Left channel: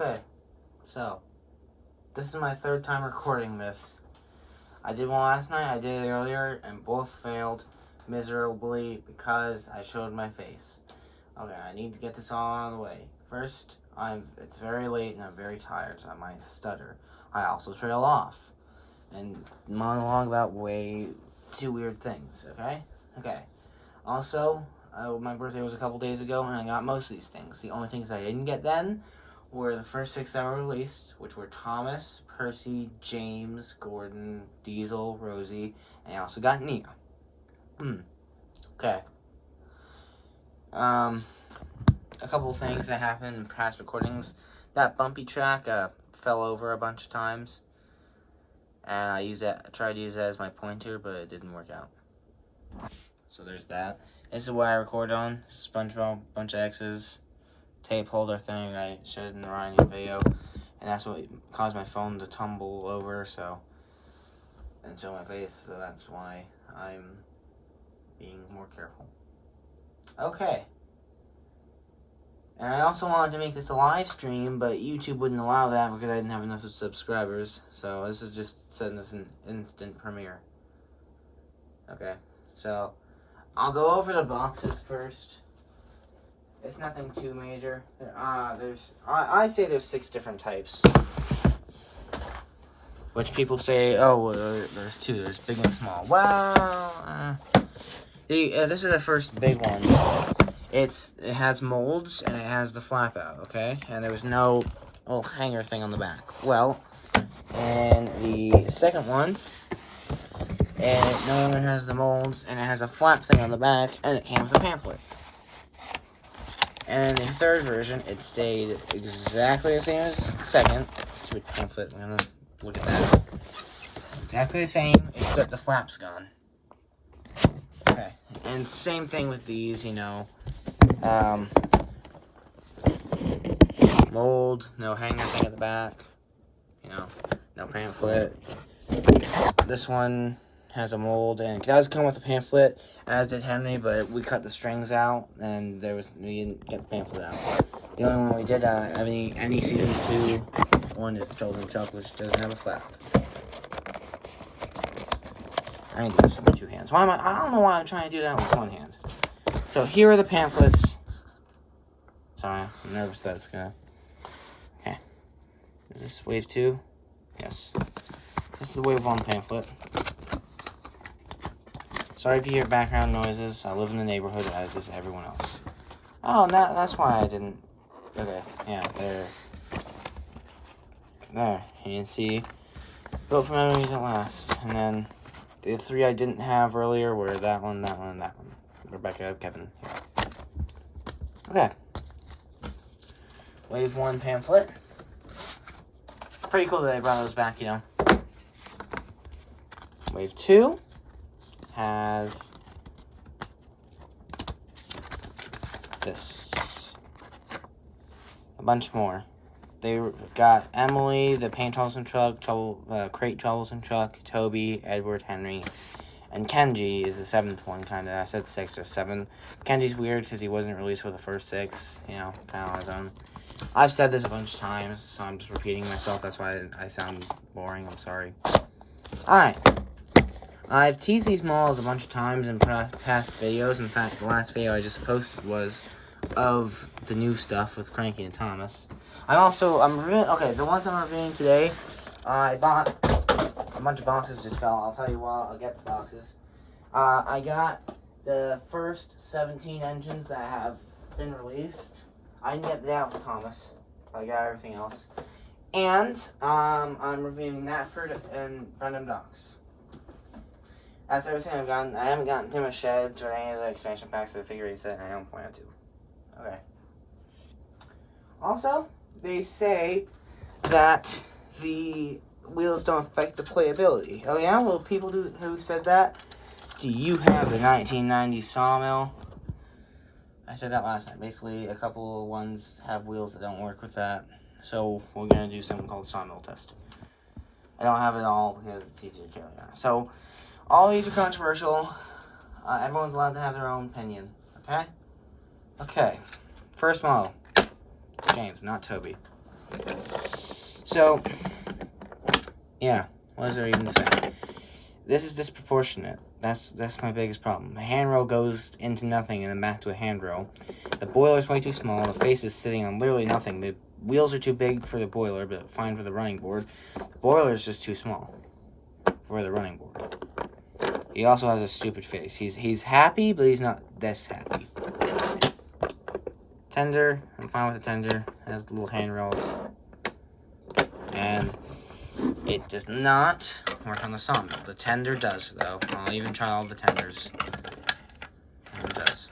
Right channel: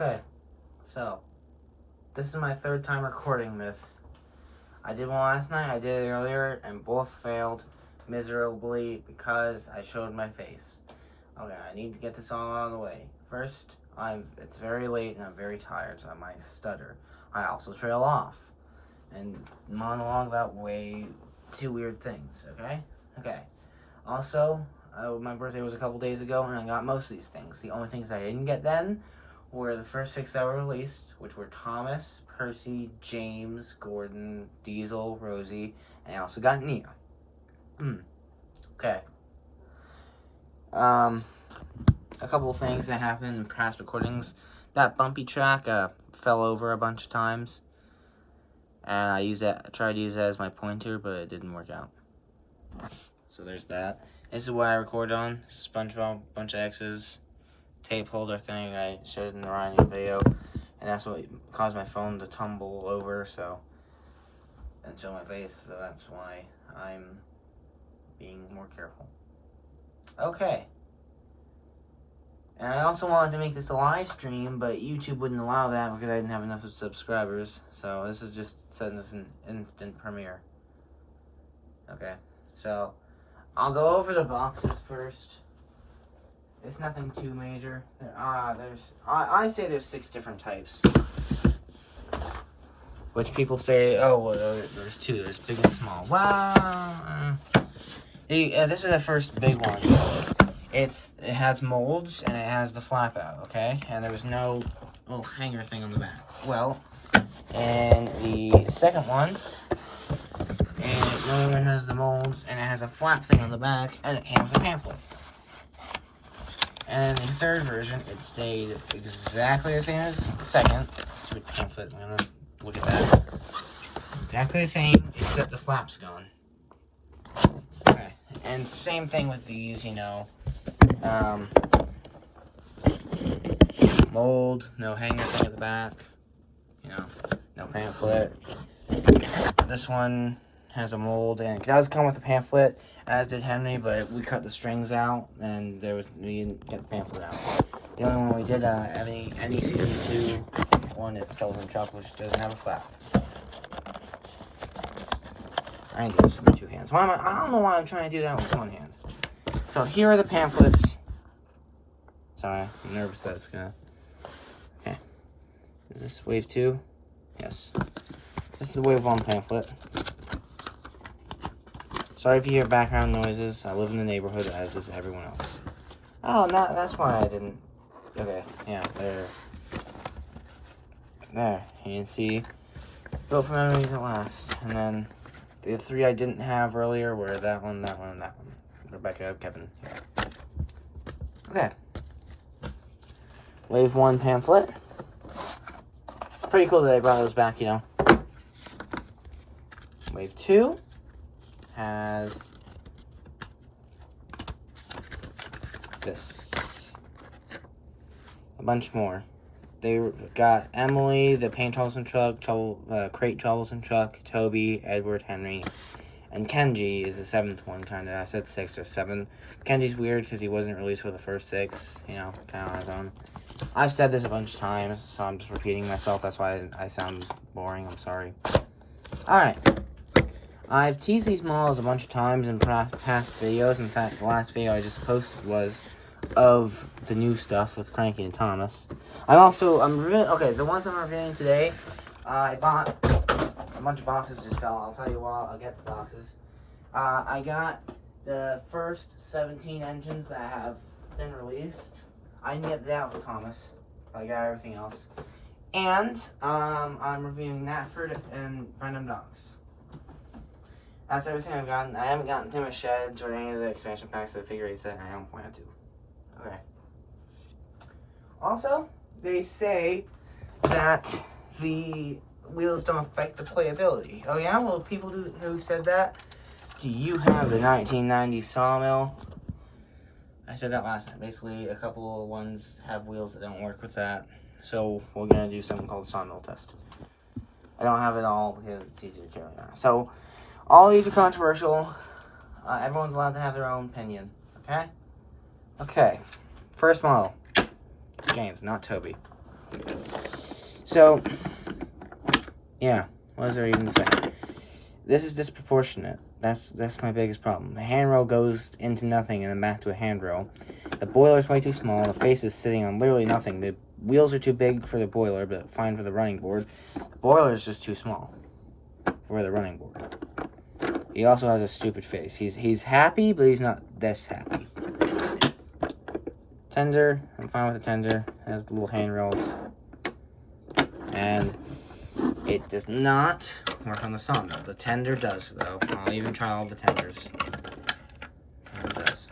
Okay, so this is my third time recording this. I did one last night, I did it earlier, and both failed miserably because I showed my face. Okay, I need to get this all out of the way. First, it's very late and I'm very tired, so I might stutter. I also trail off and monologue about way too weird things, okay? Okay. Also, my birthday was a couple days ago and I got most of these things. The only things I didn't get then were the first 6 that were released, which were Thomas, Percy, James, Gordon, Diesel, Rosie, and I also got Nia. Okay. A couple of things that happened in past recordings. That bumpy track fell over a bunch of times, and I tried to use that as my pointer, but it didn't work out. So there's that. This is what I record on. SpongeBob, bunch of X's, tape holder thing I showed in the Ryan video, and that's what caused my phone to tumble over, and show my face, so that's why I'm being more careful. Okay. And I also wanted to make this a live stream, but YouTube wouldn't allow that because I didn't have enough subscribers. So this is just setting this an instant premiere. Okay, so I'll go over the boxes first. It's nothing too major. I say there's 6 different types, which people say, oh, well, there's 2. There's big and small. Well, this is the first big one. It has molds and it has the flap out, okay? And there was no little hanger thing on the back. Well, and the second one, it no longer has the molds and it has a flap thing on the back and it came with a pamphlet. And the third version, it stayed exactly the same as the second. Stupid pamphlet, I'm gonna look at that. Exactly the same, except the flap's gone. Okay, and same thing with these, mold, no hanger thing at the back, no pamphlet. This one has a mold, and it does come with a pamphlet, as did Henry, but we cut the strings out, and we didn't get the pamphlet out. The only one we did, any season 2 one is Chosen Chuck, which doesn't have a flap. I need to do this with my 2 hands. I don't know why I'm trying to do that with 1 hand. So here are the pamphlets. Sorry, I'm nervous that it's gonna... Okay. Is this wave 2? Yes. This is the wave 1 pamphlet. Sorry if you hear background noises. I live in the neighborhood as does everyone else. Oh, that's why I didn't... Okay, yeah, there. There, you can see. Built for memories at last. And then the 3 I didn't have earlier were that one, and that one. Rebecca, Kevin. Yeah. Okay. Wave 1 pamphlet. Pretty cool that they brought those back, Wave 2 has this. A bunch more. They got Emily, the Paint Troublesome Truck, Crate Troublesome Truck, Toby, Edward, Henry, and Kenji is the 7th one, kind of. I said 6 or 7. Kenji's weird because he wasn't released for the first 6, kind of on his own. I've said this a bunch of times, so I'm just repeating myself. That's why I sound boring. I'm sorry. Alright. I've teased these malls a bunch of times in past videos. In fact, the last video I just posted was of the new stuff with Cranky and Thomas. Okay, the ones I'm reviewing today, I bought a bunch of boxes just fell. I'll tell you what, I'll get the boxes. I got the first 17 engines that have been released. I didn't get that with Thomas, but I got everything else. And I'm reviewing Natford and Random Dogs. That's everything I've gotten. I haven't gotten Timber Sheds or any of the expansion packs of the figure 8 set, and I don't plan to. Okay. Also, they say that the wheels don't affect the playability. Oh yeah? Well, people who said that, do you have the 1990 Sawmill? I said that last time. Basically, a couple of ones have wheels that don't work with that. So, we're going to do something called Sawmill Test. I don't have it all because it's easier to carry that. So, all these are controversial. Everyone's allowed to have their own opinion. Okay? Okay. First model. James, not Toby. So, yeah, what is there even to say? This is disproportionate. That's my biggest problem. The handrail goes into nothing and then back to a handrail. The boiler's way too small. The face is sitting on literally nothing. The wheels are too big for the boiler, but fine for the running board. The boiler is just too small for the running board. He also has a stupid face. He's happy, but he's not this happy. Tender, I'm fine with the tender. It has the little handrails. And it does not work on the sawmill. The tender does, though. I'll even try all the tenders. It does.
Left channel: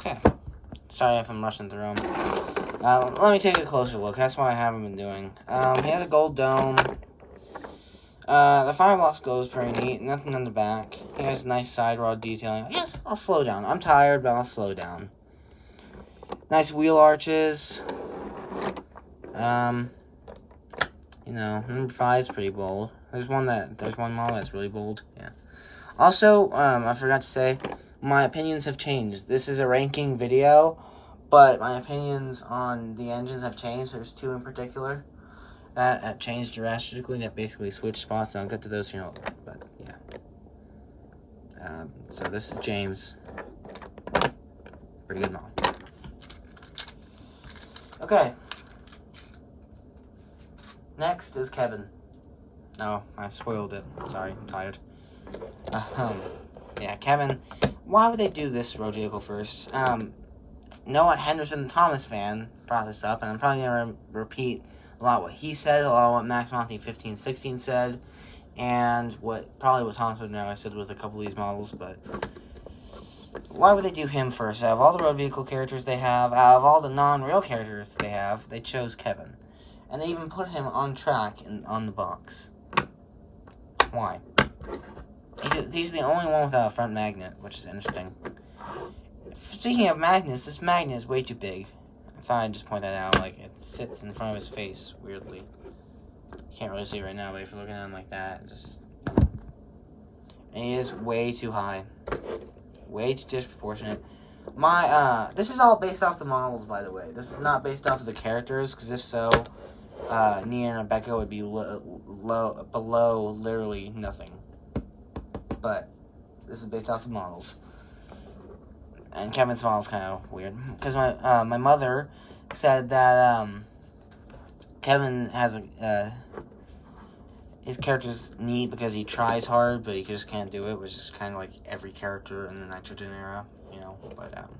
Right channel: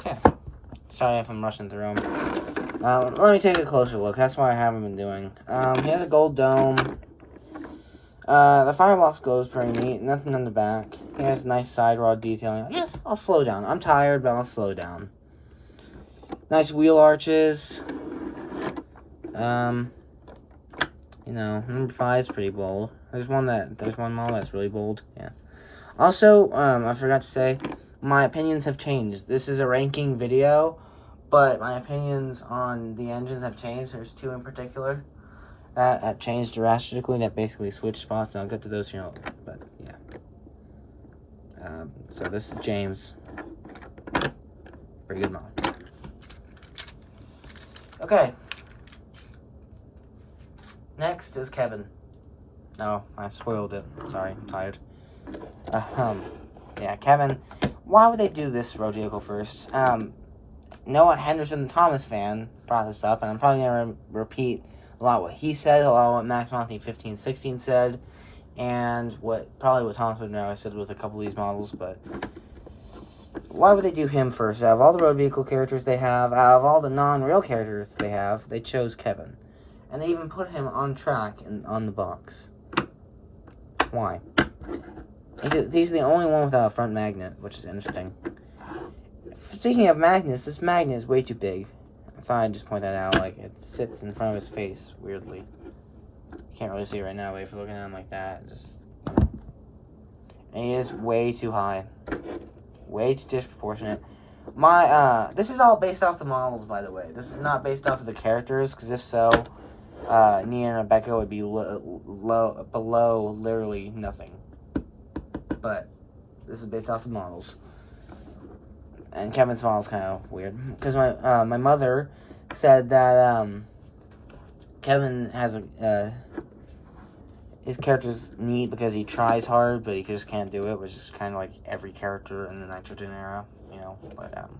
Okay. Sorry if I'm rushing through them. Let me take a closer look. That's what I haven't been doing. He has a gold dome. The firebox glows pretty neat. Nothing on the back. He has nice side rod detailing. Yes, I'll slow down. I'm tired, but I'll slow down. Nice wheel arches. You know, number 5 is pretty bold. There's one model that's really bold. Yeah. Also, I forgot to say, my opinions have changed. This is a ranking video, but my opinions on the engines have changed. There's 2 in particular that have changed drastically. That basically switched spots, and I'll get to those here. But yeah. So this is James. Pretty good model. Okay. Next is Kevin. No, I spoiled it. Sorry, I'm tired. Yeah, Kevin. Why would they do this road vehicle first? Noah Henderson, the Thomas fan, brought this up, and I'm probably going to repeat a lot what he said, a lot what Max Monty 1516 said, and probably what Thomas would know I said with a couple of these models, but why would they do him first? Out of all the road vehicle characters they have, out of all the non-real characters they have, they chose Kevin. And they even put him on track and on the box. Why? He's the only one without a front magnet, which is interesting. Speaking of magnets, this magnet is way too big. I thought I'd just point that out. Like, it sits in front of his face, weirdly. You can't really see it right now, but if you're looking at him like that, and he is way too high. Way too disproportionate. This is all based off the models, by the way. This is not based off of the characters, because if so, Nia and Rebecca would be below literally nothing. But this is based off the models. And Kevin's model is kind of weird. Because my mother said that Kevin has his character's neat because he tries hard, but he just can't do it, which is kind of like every character in the Nitrogen era, you know. But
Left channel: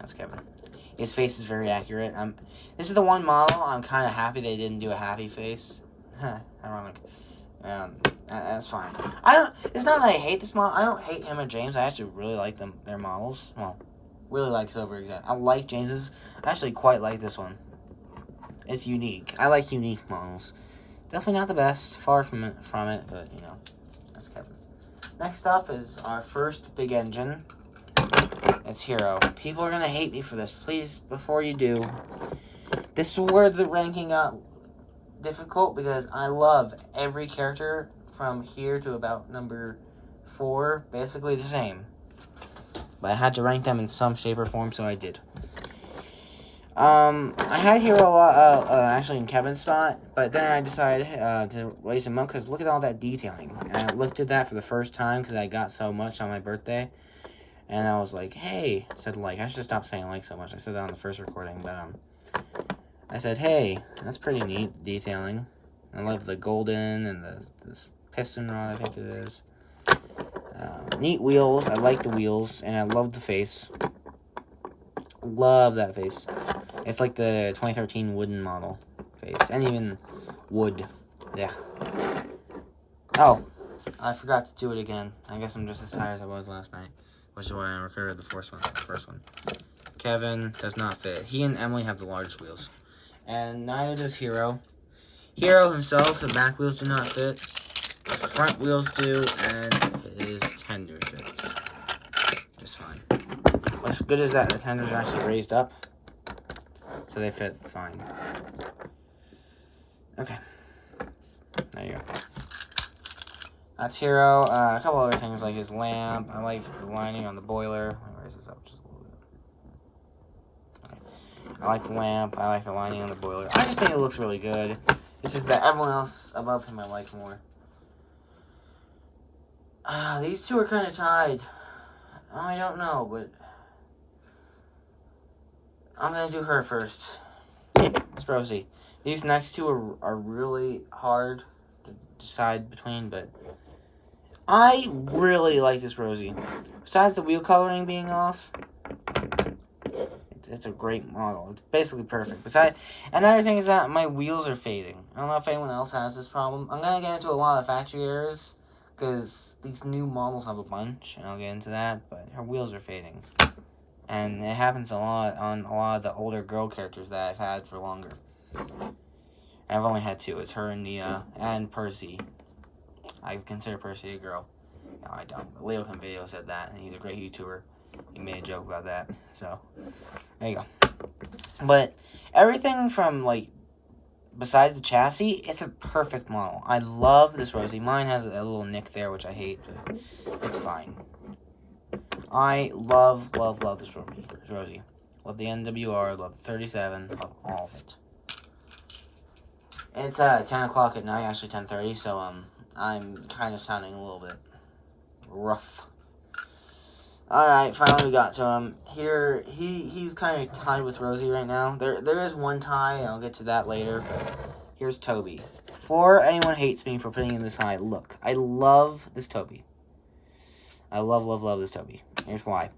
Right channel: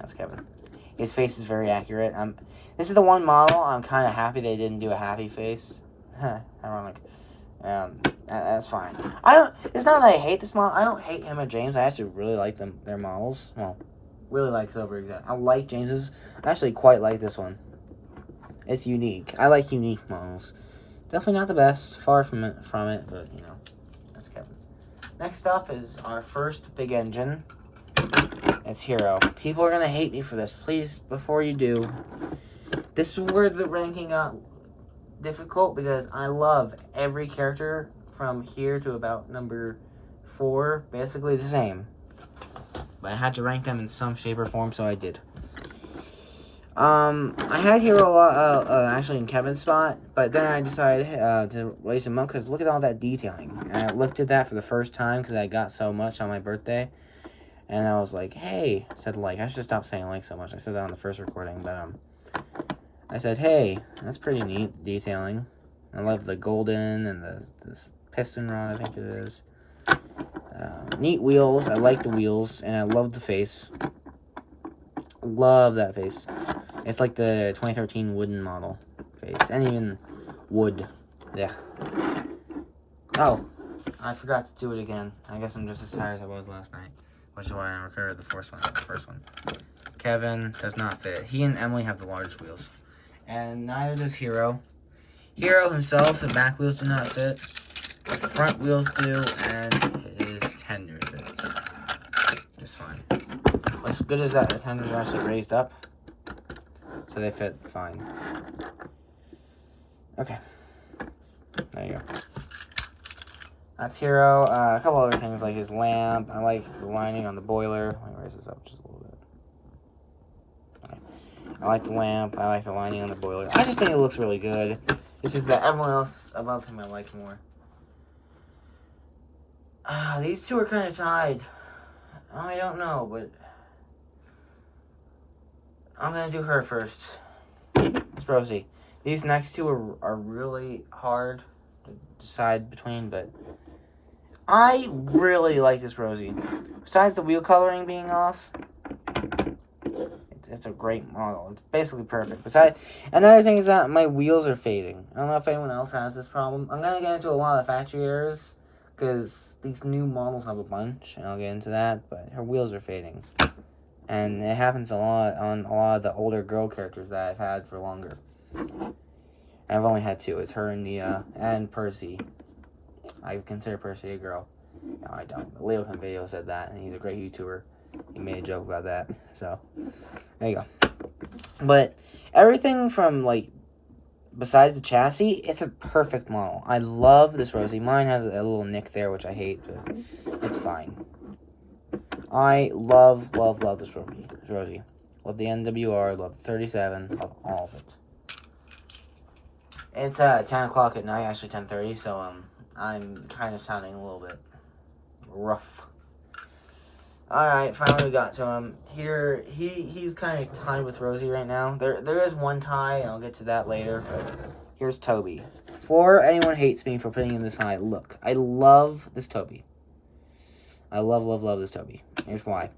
that's Kevin. His face is very accurate. This is the one model I'm kind of happy they didn't do a happy face. Ironic. That's fine. It's not that I hate this model. I don't hate him or James. I actually really like their models. Well, really like Silver Exact. I like James's. I actually quite like this one. It's unique. I like unique models. Definitely not the best. Far from it, but you know, that's Kevin. Next up is our first big engine. It's Hero. People are gonna hate me for this. Please, before you do, this is where the ranking got difficult because I love every character from here to about number 4, basically the same. But I had to rank them in some shape or form, so I did. I had Hero a lot, actually in Kevin's spot, but then I decided to raise him up because look at all that detailing. And I looked at that for the first time because I got so much on my birthday. And I was like, hey, I said like, I should stop saying like so much. I said that on the first recording, but I said, hey, that's pretty neat detailing. I love the golden and this piston rod, I think it is. Neat wheels. I like the wheels, and I love the face. Love that face. It's like the 2013 wooden model face, and even wood. Yeah. Oh, I forgot to do it again. I guess I'm just as tired as I was last night, which is why I recorded the first one. Kevin does not fit. He and Emily have the largest wheels, and neither does Hero. Hero himself, the back wheels do not fit. The front wheels do, and his tender fits just fine. What's good is that the tenders are actually raised up, so they fit fine. Okay, there you go. That's Hero. A couple other things like his lamp. I like the lining on the boiler. Let me raise this up just a little bit. Okay. I like the lamp. I like the lining on the boiler. I just think it looks really good. It's just that everyone else above him I like more. These two are kind of tied. I don't know, but I'm going to do her first. It's Rosie. These next two are really hard to decide between, but I really like this Rosie. Besides the wheel coloring being off, it's a great model. It's basically perfect. Besides, another thing is that my wheels are fading. I don't know if anyone else has this problem. I'm going to get into a lot of factory errors, because these new models have a bunch, and I'll get into that, but her wheels are fading. And it happens a lot on a lot of the older girl characters that I've had for longer. I've only had two. It's her and Nia, and Percy. I consider Percy a girl. No, I don't. Leo Kim Video said that, and he's a great YouTuber. He made a joke about that, so there you go. But everything from, like, besides the chassis, it's a perfect model. I love this Rosie. Mine has a little nick there, which I hate, but it's fine. I love this Rosie. Love the NWR, love the 37, love all of it. It's 10 o'clock at night, actually 10:30, so I'm kind of sounding a little bit rough. Alright, finally we got to him. Here, he's kind of tied with Rosie right now. There is one tie, and I'll get to that later, but here's Toby. Before anyone hates me for putting in this high, look, I love this Toby. I love this Toby. Here's why.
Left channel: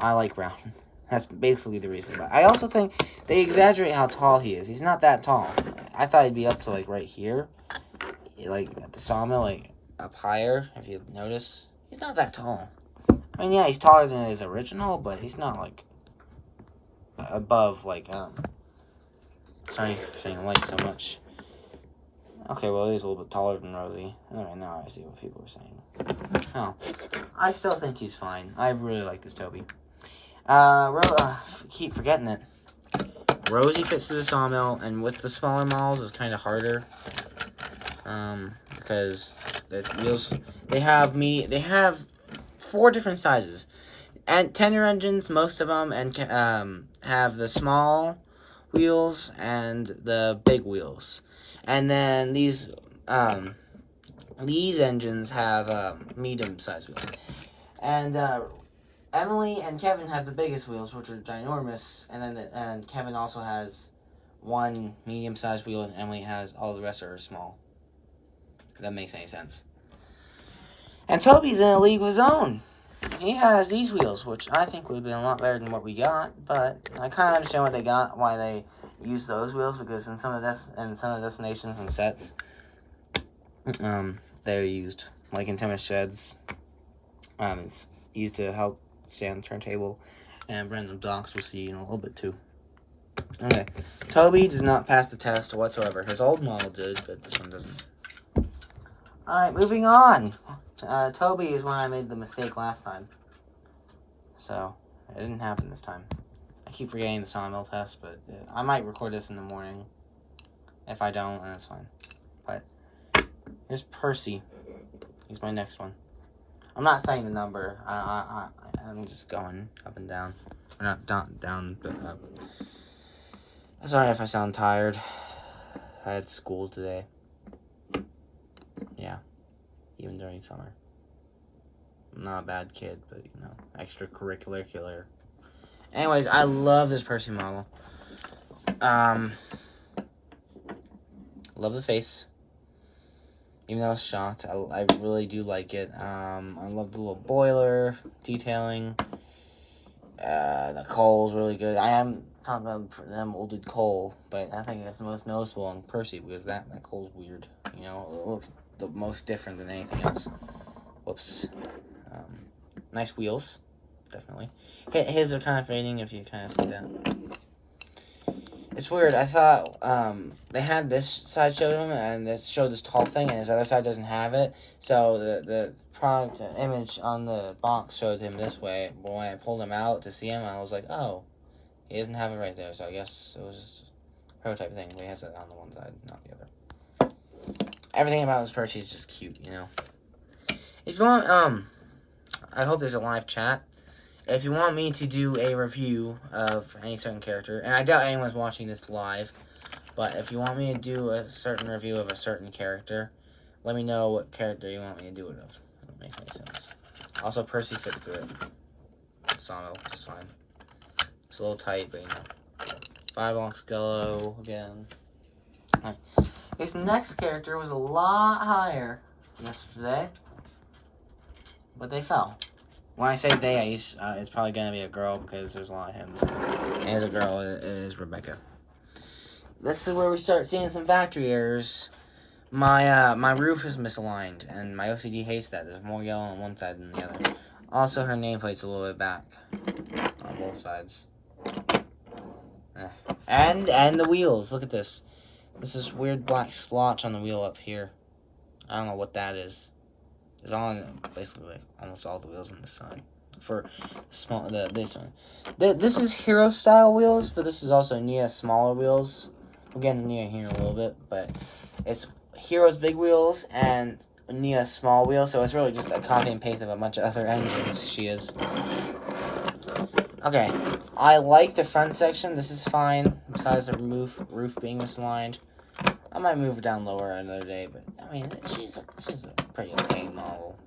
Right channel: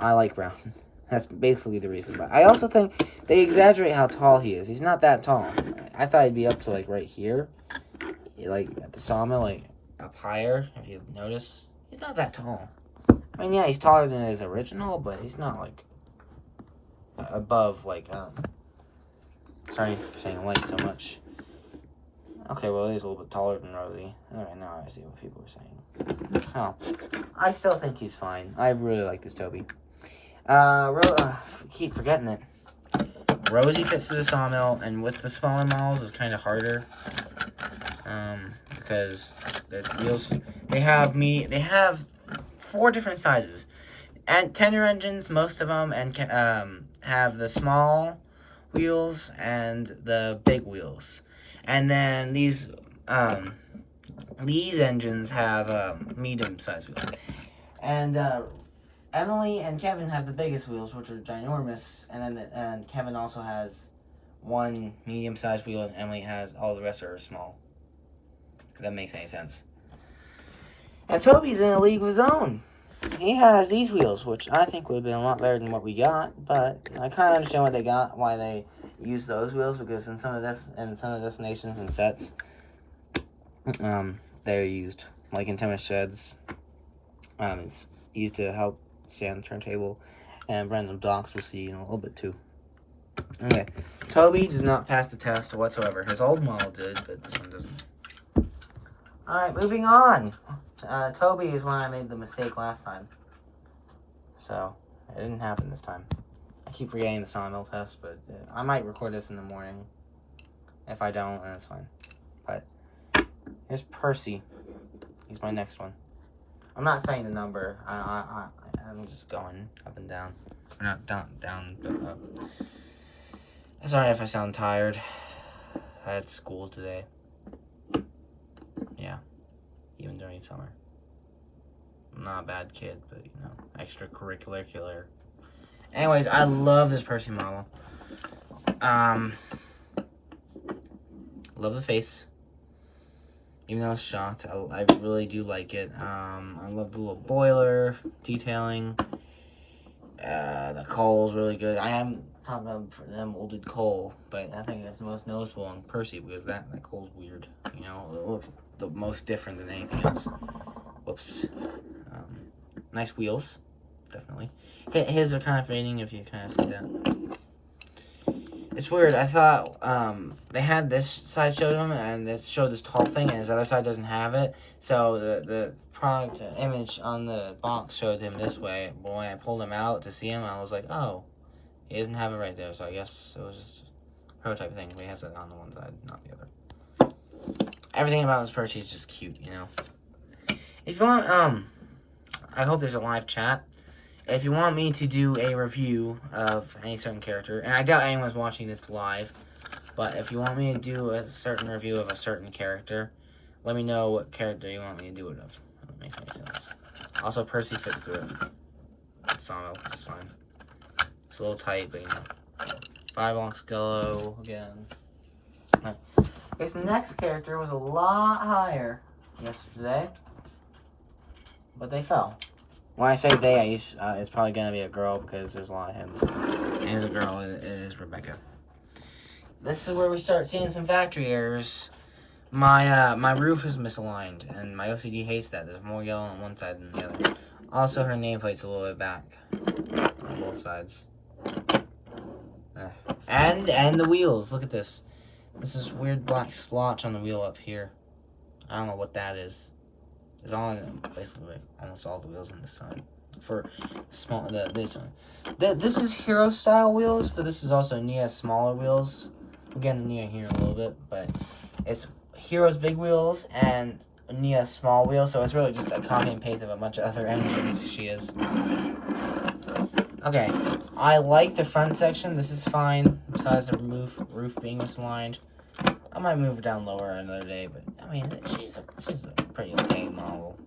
I like brown. That's basically the reason. But I also think they exaggerate how tall he is. He's not that tall. I thought he'd be up to, like, right here. Like, at the sawmill, like, up higher, if you notice. He's not that tall. I mean, yeah, he's taller than his original, but he's not, like, above, like, sorry for saying like so much. Okay, well, he's a little bit taller than Rosie. Alright, now I see what people are saying. Oh. I still think he's fine. I really like this Toby. Keep forgetting it. Rosie fits to the sawmill, and with the smaller models, it's kind of harder. Because the wheels, they have 4 different sizes. And tender engines, most of them, and have the small wheels and the big wheels. And then these engines have medium-sized wheels. And Emily and Kevin have the biggest wheels, which are ginormous. And Kevin also has one medium-sized wheel, and Emily has all the rest are small. If that makes any sense. And Toby's in a league of his own. He has these wheels, which I think would have been a lot better than what we got. But I kind of understand what they got, why they use those wheels, because in some of the destinations and sets, they're used, like in Tennis Sheds. It's used to help stay on the turntable, and Random Docks we'll see in a little bit too. Okay, Toby does not pass the test whatsoever. His old model did, but this one doesn't. Alright, moving on. Toby is when I made the mistake last time. So, it didn't happen this time. I keep forgetting the Sawmill Test, but I might record this in the morning. If I don't, then that's fine. But, here's Percy. He's my next one. I'm not saying the number. I'm just going up and down. Or not down, but up. Sorry if I sound tired. I had school today. Yeah. Even during summer. I'm not a bad kid, but, you know, extracurricular. Anyways, I love this Percy model. Love the face. Even though it's shot, I really do like it. I love the little boiler detailing. The coal's really good. I am talking about that molded coal, but I think that's the most noticeable on Percy, because that coal's weird. You know, it looks the most different than anything else. Whoops. Nice wheels, definitely. His are kind of fading if you kind of see that. It's weird. I thought they had this side showed him, and this showed this tall thing, and his other side doesn't have it. So the product image on the box showed him this way. But when I pulled him out to see him, I was like, oh, he doesn't have it right there. So I guess it was just a prototype thing. He has it on the one side, not the other. Everything about this Percy is just cute, you know. If you want, I hope there's a live chat. if you want me to do a review of any certain character, and I doubt anyone's watching this live, but if you want me to do a certain review of a certain character, let me know what character you want me to do it of. That makes any sense. Also, Percy fits through it. Sawmill, just fine. It's a little tight, but you know. Fireball Skello again. Alright. This next character was a lot higher yesterday, but they fell. When I say they, it's probably gonna be a girl because there's a lot of hymns. And as a girl, it is Rebecca. This is where we start seeing some factory errors. My roof is misaligned, and my OCD hates that. There's more yellow on one side than the other. Also, her nameplate's a little bit back on both sides. And the wheels. Look at this. This is weird black splotch on the wheel up here. I don't know what that is. It's on basically like almost all the wheels on the side. For the base one. This is hero style wheels, but this is also Nia's smaller wheels. We'll get into Nia here in a little bit, but it's Hero's big wheels and Nia's small wheels, so it's really just a copy and paste of a bunch of other engines she is. Okay, I like the front section. This is fine, besides the roof being misaligned. I might move her down lower another day, but I mean, she's a pretty okay model.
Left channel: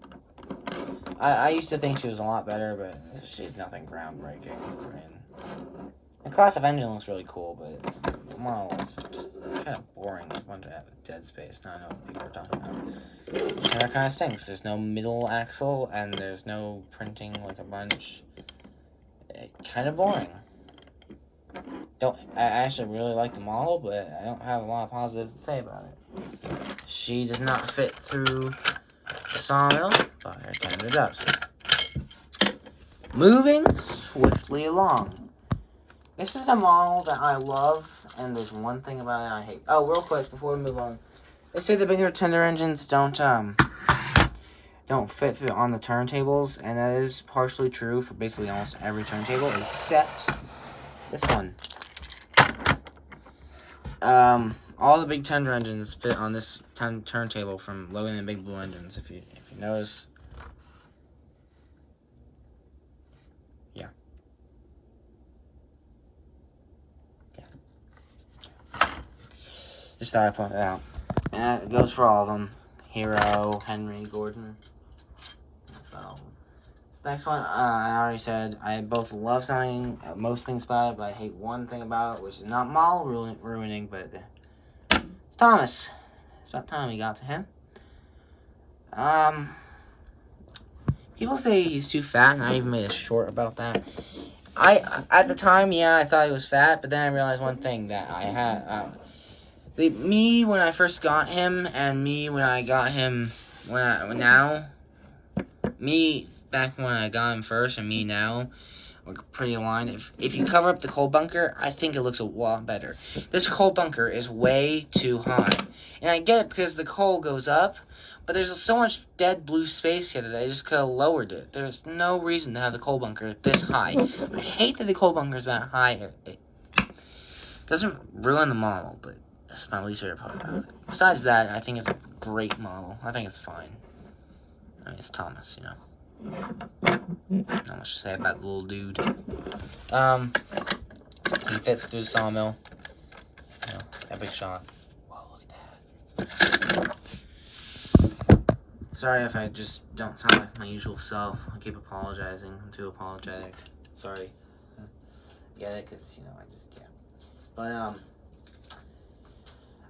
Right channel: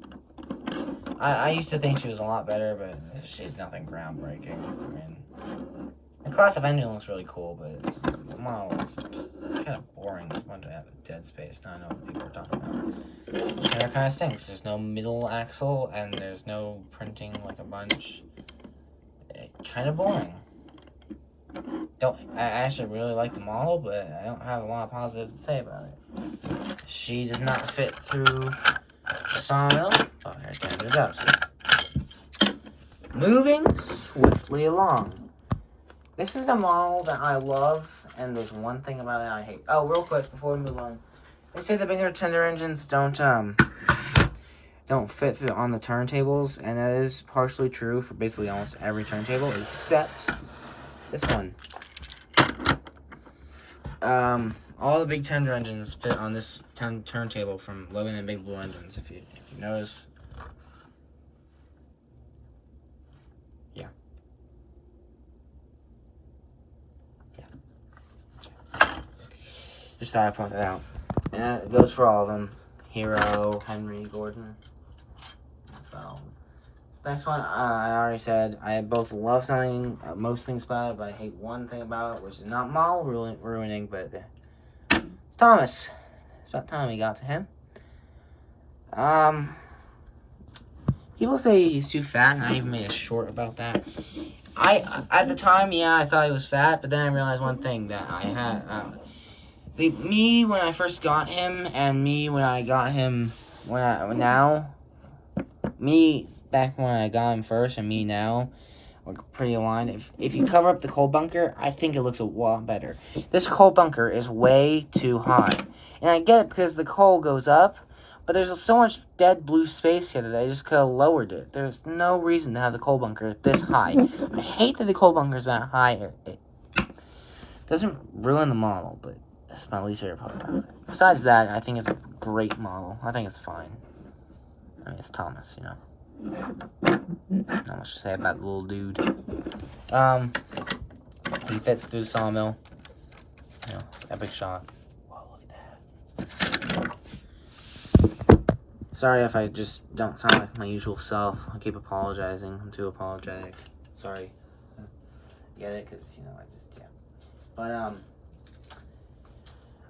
I used to think she was a lot better, but she's nothing groundbreaking. I mean, the class of engine looks really cool, but the model is just kind of boring. There's a bunch of dead space. Now I know what people are talking about. And that kind of stinks. There's no middle axle, and there's no printing like a bunch. Kind of boring. I actually really like the model, but I don't have a lot of positives to say about it. She does not fit through the Sawmill, but it does. Moving swiftly along. This is a model that I love, and there's one thing about it I hate. Oh, real quick before we move on, they say the bigger tender engines don't fit through on the turntables, and that is partially true for basically almost every turntable except this one. All the big tender engines fit on this turntable from Logan and Big Blue Engines. If you notice, yeah. Just thought I'd point it out, and that goes for all of them. Hero, Henry, Gordon. So, this next one, I already said, I both love something, most things about it, but I hate one thing about it, which is not model ruining, but it's Thomas. It's about time we got to him. People say he's too fat, and I even made a short about that. At the time, yeah, I thought he was fat, but then I realized one thing, that I had, me when I first got him, and me when I got him me back when I got him first, and me now, are pretty aligned. If you cover up the coal bunker, I think it looks a lot better. This coal bunker is way too high. And I get it because the coal goes up, but there's so much dead blue space here that I just could have lowered it. There's no reason to have the coal bunker this high. I hate that the coal bunker's that high. It doesn't ruin the model, but that's my least favorite part about it. Besides that, I think it's a great model. I think it's fine. I mean, it's Thomas, you know. Not much to say about the little dude. He fits through the Sawmill. You know, epic shot. Whoa, look at that. Sorry if I just don't sound like my usual self. I keep apologizing. I'm too apologetic. Sorry. Get it? Because, you know, I just can't. But,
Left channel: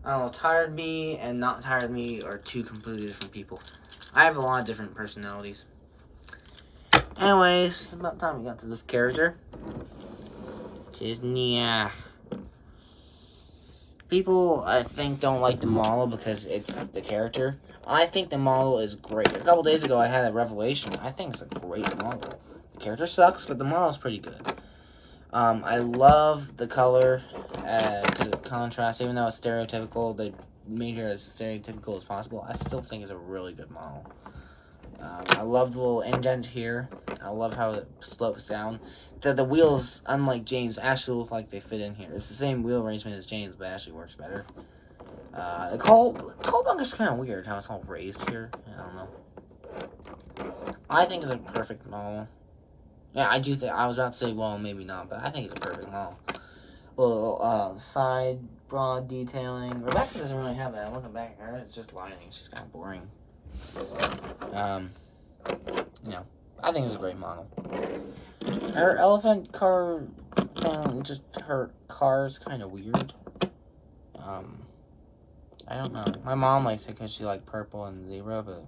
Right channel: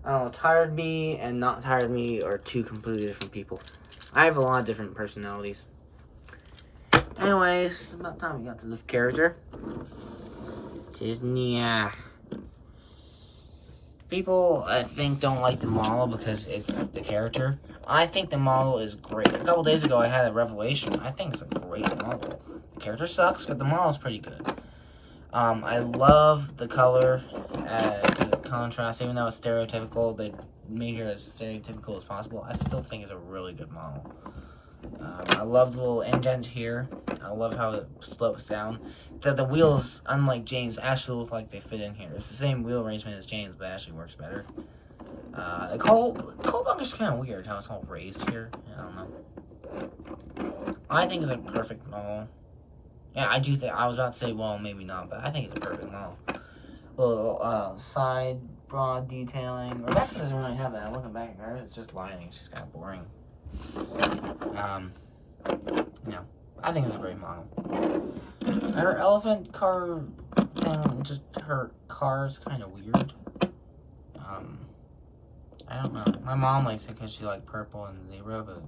I don't know, tired me and not tired me are two completely different people. I have a lot of different personalities. Anyways, it's about time we got to this character. She's Nia. People, I think, don't like the model because it's the character. I think the model is great. A couple days ago, I had a revelation. I think it's a great model. The character sucks, but the model is pretty good. I love the color, the contrast, even though it's stereotypical. They made her as stereotypical as possible. I still think it's a really good model. I love the little indent here. I love how it slopes down. The wheels, unlike James, actually look like they fit in here. It's the same wheel arrangement as James, but it actually works better. The coal bunker's kind of weird how it's all raised here. I don't know. I think it's a perfect model. Yeah, I do think, I was about to say, well, maybe not, but I think it's a perfect model. Little side broad detailing. Rebecca doesn't really have that. Looking back at her, it's just lining. She's kind of boring. You know, I think it's a great model. Her elephant car thing, just her car is kind of weird. I don't know. My mom likes it because she liked purple and zebra, but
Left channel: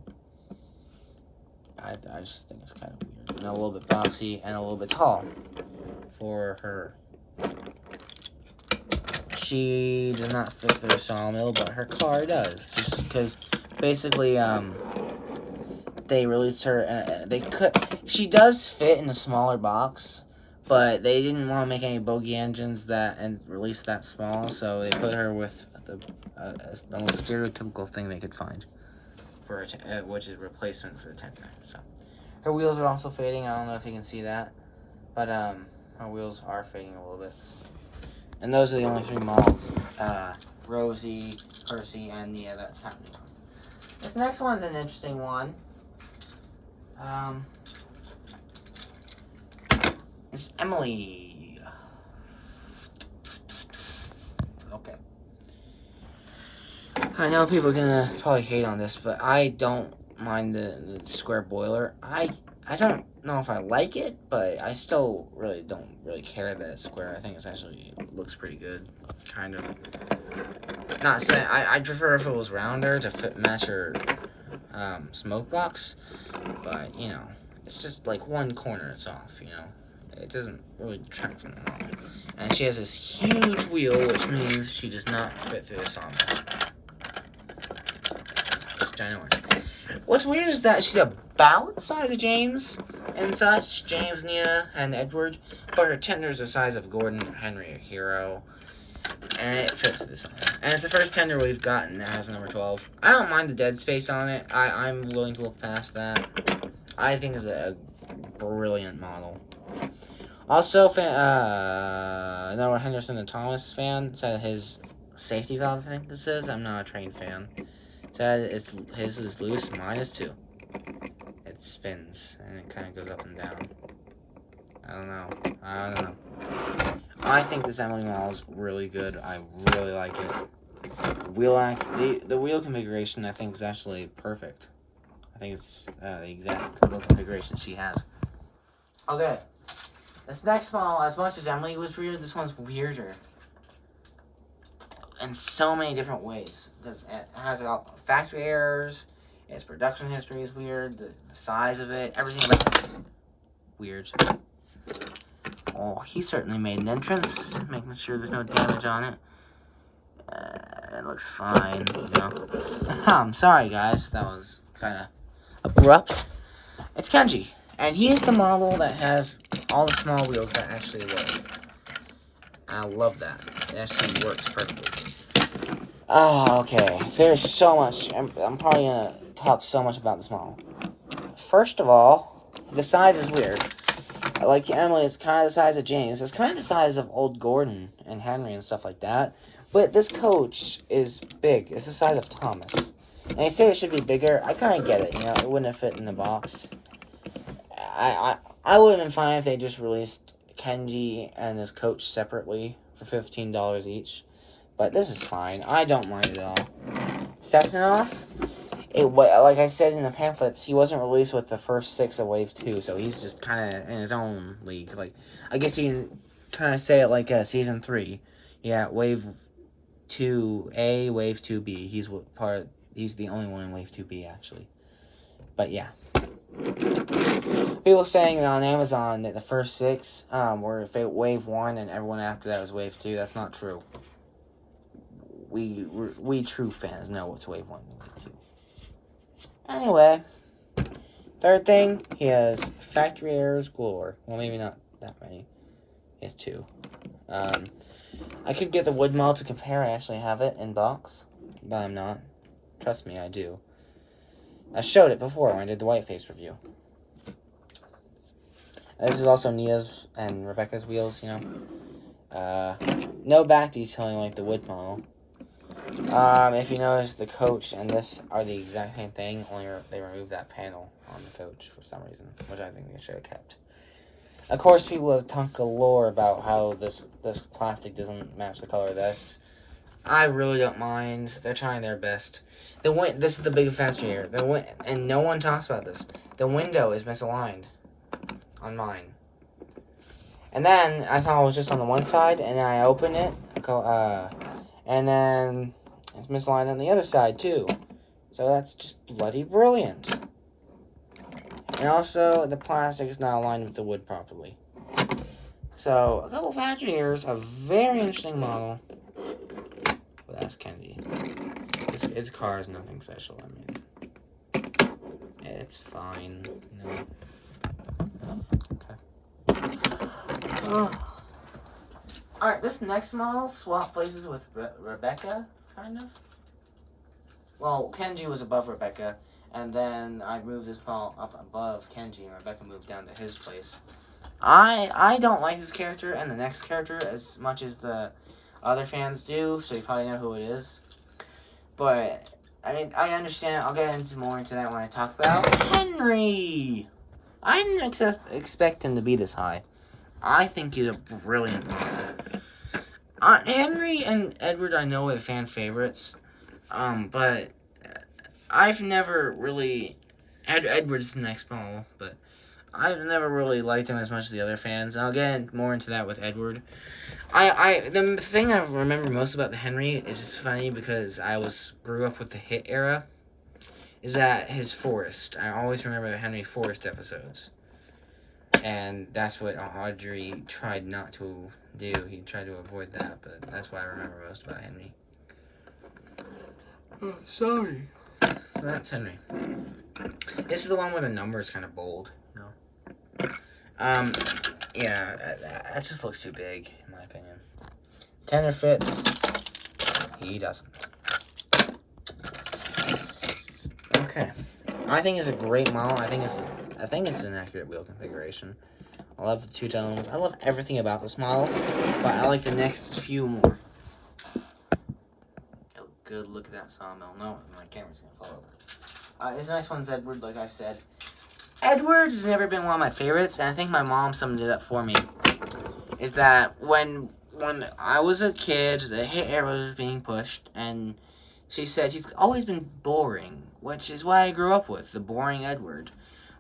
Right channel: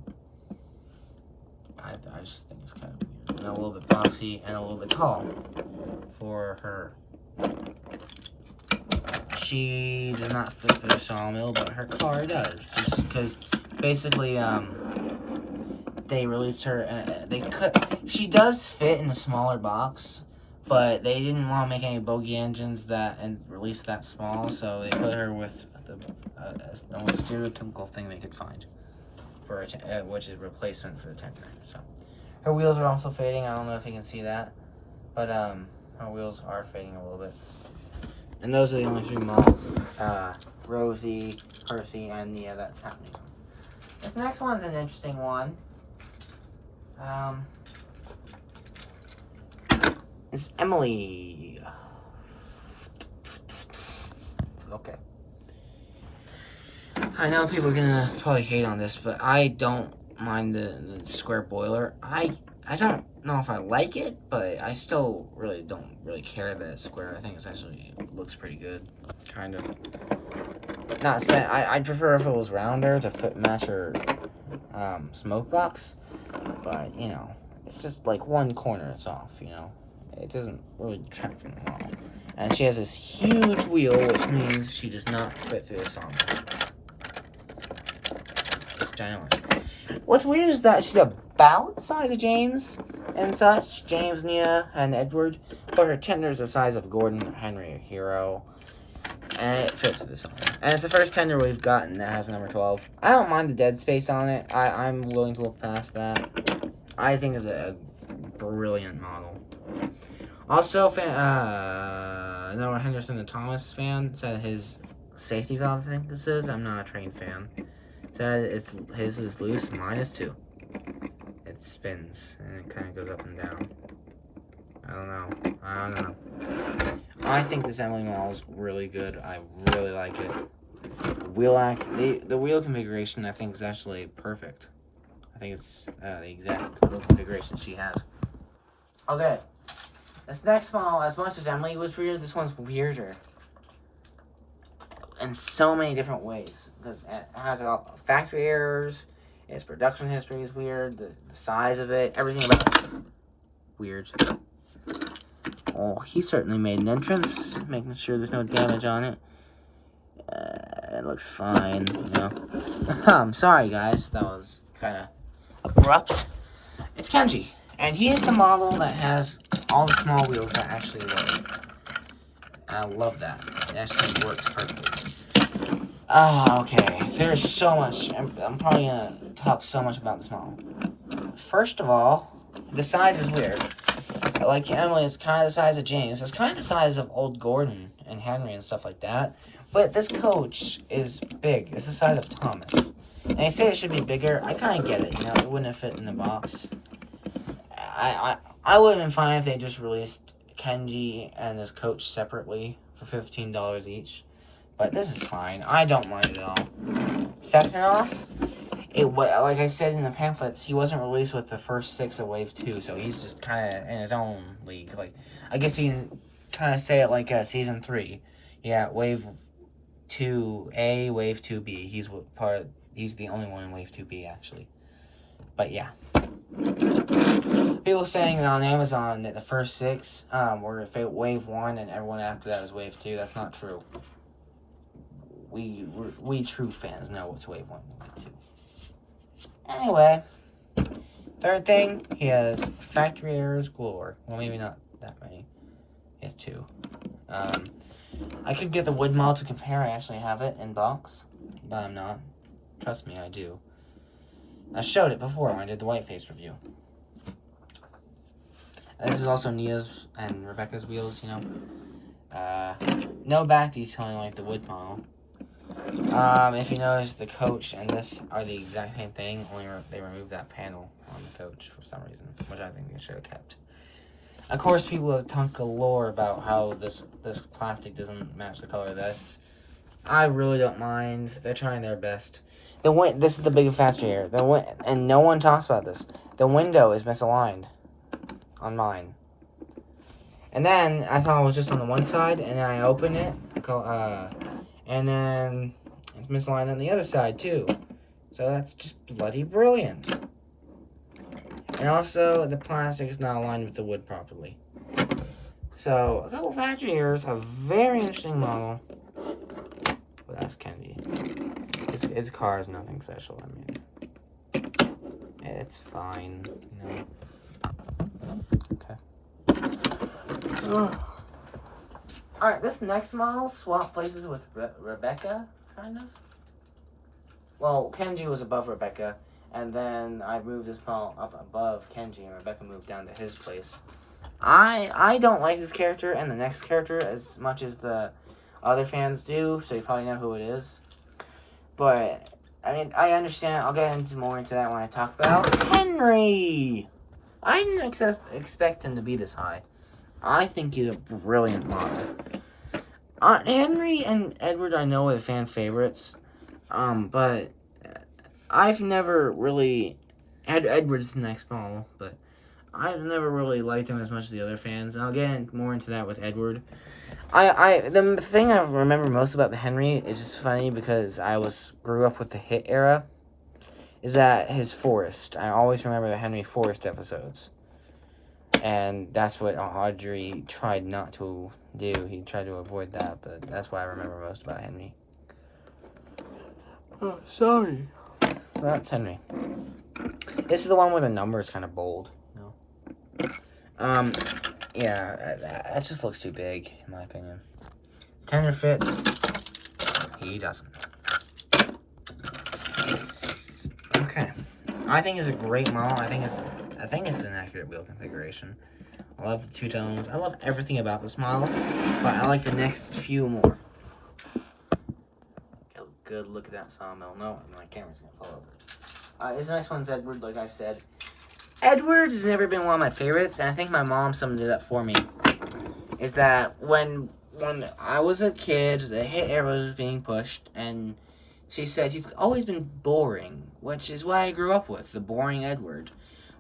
I just think it's kind of weird. And a little bit boxy and a little bit tall for her. She does not fit for the Sawmill, but her car does. Just because basically, they released her. She does fit in a smaller box, but they didn't want to make any bogey engines and release that small, so they put her with the most stereotypical thing they could find for which is replacement for the tender. So her wheels are also fading. I don't know if you can see that, but her wheels are fading a little bit. And those are the only 3 models: Rosie, Percy, and Nia. That's happening. This next one's an interesting one. It's Emily. Okay. I know people are gonna probably hate on this, but I don't mind the square boiler. I don't know if I like it, but I still don't care that it's square. I think it's actually looks pretty good, kind of. Not saying I'd prefer if it was rounder to match her smoke box, but you know, it's just like one corner it's off. You know, it doesn't really detract from it at all. And she has this huge wheel, which means she does not fit through the sawmill. It's ginormous. What's weird is that she's about the size of James and such, James, Nia, and Edward, but her tender's the size of Gordon, Henry, or Hero, and it fits through the sawmill. And it's the first tender we've gotten that has number 12. I don't mind the dead space on it. I'm willing to look past that. I think it's a brilliant model. Also, Noah Henderson and Thomas fan said his safety valve, I think this is. I'm not a trained fan. Said his is loose, mine is too. It spins and it kind of goes up and down. I don't know. I think this Emily model is really good. I really like it. The wheel configuration I think is actually perfect. I think it's the exact configuration she has. Okay. This next model, as much as Emily was weird, this one's weirder. In so many different ways. Because it has all factory errors, its production history is weird, the size of it, everything about it. Weird. Oh, he certainly made an entrance, making sure there's no damage on it. It looks fine, you know. I'm sorry, guys. That was kind of abrupt. It's Kenji. And he's the model that has all the small wheels that actually work. I love that. It actually works perfectly. Okay. There's so much. I'm probably going to talk so much about this model. First of all, the size is weird. Like Emily, it's kind of the size of James. It's kind of the size of old Gordon and Henry and stuff like that. But this coach is big. It's the size of Thomas. And they say it should be bigger. I kind of get it. You know, it wouldn't have fit in the box. I would have been fine if they just released Kenji and this coach separately for $15 each. But this is fine. I don't mind it at all. Second off, like I said in the pamphlets, he wasn't released with the first 6 of Wave 2, so he's just kind of in his own league. Like, I guess you can kind of say it like Season 3. Yeah, Wave 2A, Wave 2B. He's the only one in Wave 2B, actually. But yeah. People saying that on Amazon that the first 6 were Wave 1 and everyone after that was Wave 2. That's not true. We true fans know what's Wave 1 and Wave 2. Anyway, third thing, he has factory errors galore. Well, maybe not that many. He has 2. I could get the wood model to compare. I actually have it in box, but I'm not. Trust me, I do. I showed it before when I did the Whiteface review. This is also Nia's and Rebecca's wheels, you know. No back detailing like the wood model. If you notice, the coach and this are the exact same thing, only they removed that panel on the coach for some reason, which I think they should have kept. Of course, people have talked galore about how this plastic doesn't match the color of this. I really don't mind. They're trying their best. This is the big factor here. And no one talks about this. The window is misaligned on mine. And then I thought it was just on the one side, and then I opened it, and then it's misaligned on the other side too. So that's just bloody brilliant. And also, the plastic is not aligned with the wood properly. So, a couple factory errors, a very interesting model. But that's Kenji. Its car is nothing special, I mean. It's fine, you know. Okay. Alright, this next model swapped places with Rebecca, kind of. Well, Kenji was above Rebecca. And then I moved this model up above Kenji, and Rebecca moved down to his place. I don't like this character and the next character as much as the other fans do, so you probably know who it is. But, I mean, I understand. I'll get more into that when I talk about Henry. I didn't expect him to be this high. I think he's a brilliant model. Henry and Edward, I know, are the fan favorites, but I've never really... Edward's the next model, but I've never really liked him as much as the other fans. And I'll get more into that with Edward. The thing I remember most about the Henry is just funny because grew up with the Hit era, is that his forest. I always remember the Henry Forest episodes. And that's what Audrey tried not to do. He tried to avoid that, but that's what I remember most about Henry. Oh, sorry. So that's Henry. This is the one where the number is kind of bold, you know? Yeah, that just looks too big, in my opinion. Tender fits. He doesn't. Okay. I think it's a great model. I think it's an accurate wheel configuration. I love the two tones. I love everything about this model, but I like the next few more. Good look at that Sawmill. No, my camera's gonna fall over. This next one's Edward, like I've said. Edward has never been one of my favorites, and I think my mom summed it up for me. Is that when I was a kid, the Hit era was being pushed, and she said he's always been boring, which is what I grew up with, the boring Edward.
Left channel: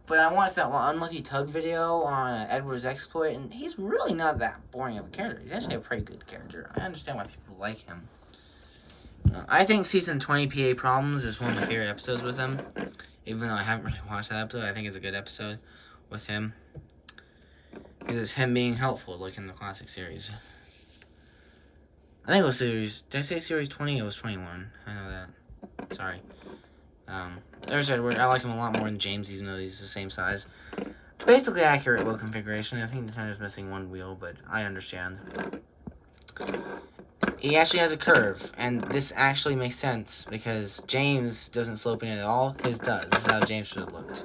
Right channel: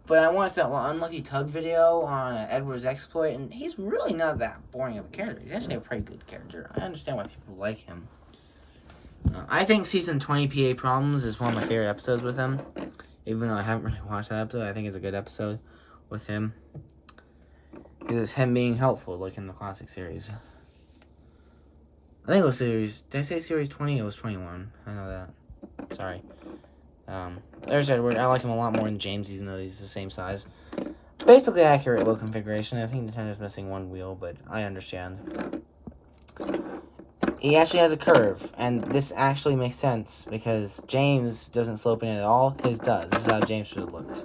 But I watched that Unlucky Tug video on Edward's exploit, and he's really not that boring of a character. He's actually a pretty good character. I understand why people like him. I think Season 20 PA Problems is one of my favorite episodes with him. Even though I haven't really watched that episode, I think it's a good episode with him. Because it's him being helpful, like in the classic series. I think it was series... Did I say series 20? It was 21. I know that. Sorry. There's Edward. I like him a lot more than James, even though he's the same size. Basically accurate wheel configuration. I think Nintendo's missing one wheel, but I understand. He actually has a curve, and this actually makes sense, because James doesn't slope in at all. His does. This is how James should have looked.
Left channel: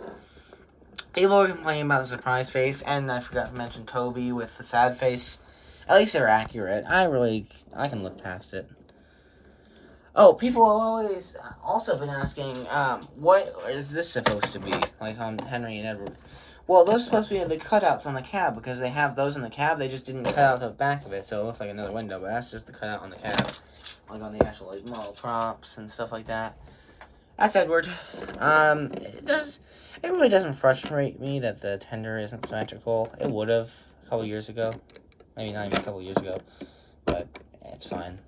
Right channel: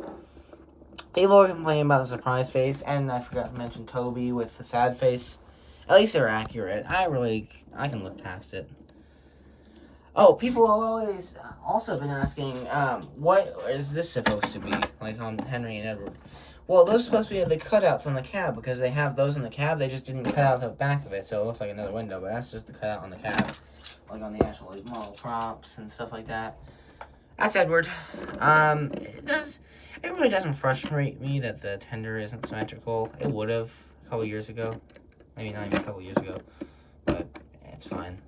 People were complaining about the surprise face, and I forgot to mention Toby with the sad face. At least they're accurate. I can look past it. Oh, people always also been asking, what is this supposed to be? Like on Henry and Edward. Well, those are supposed to be the cutouts on the cab, because they have those in the cab. They just didn't cut out the back of it, so it looks like another window, but that's just the cutout on the cab. Like on the actual model props and stuff like that. That's Edward. It really doesn't frustrate me that the tender isn't symmetrical. It would have a couple years ago. Maybe not even a couple years ago, but it's fine.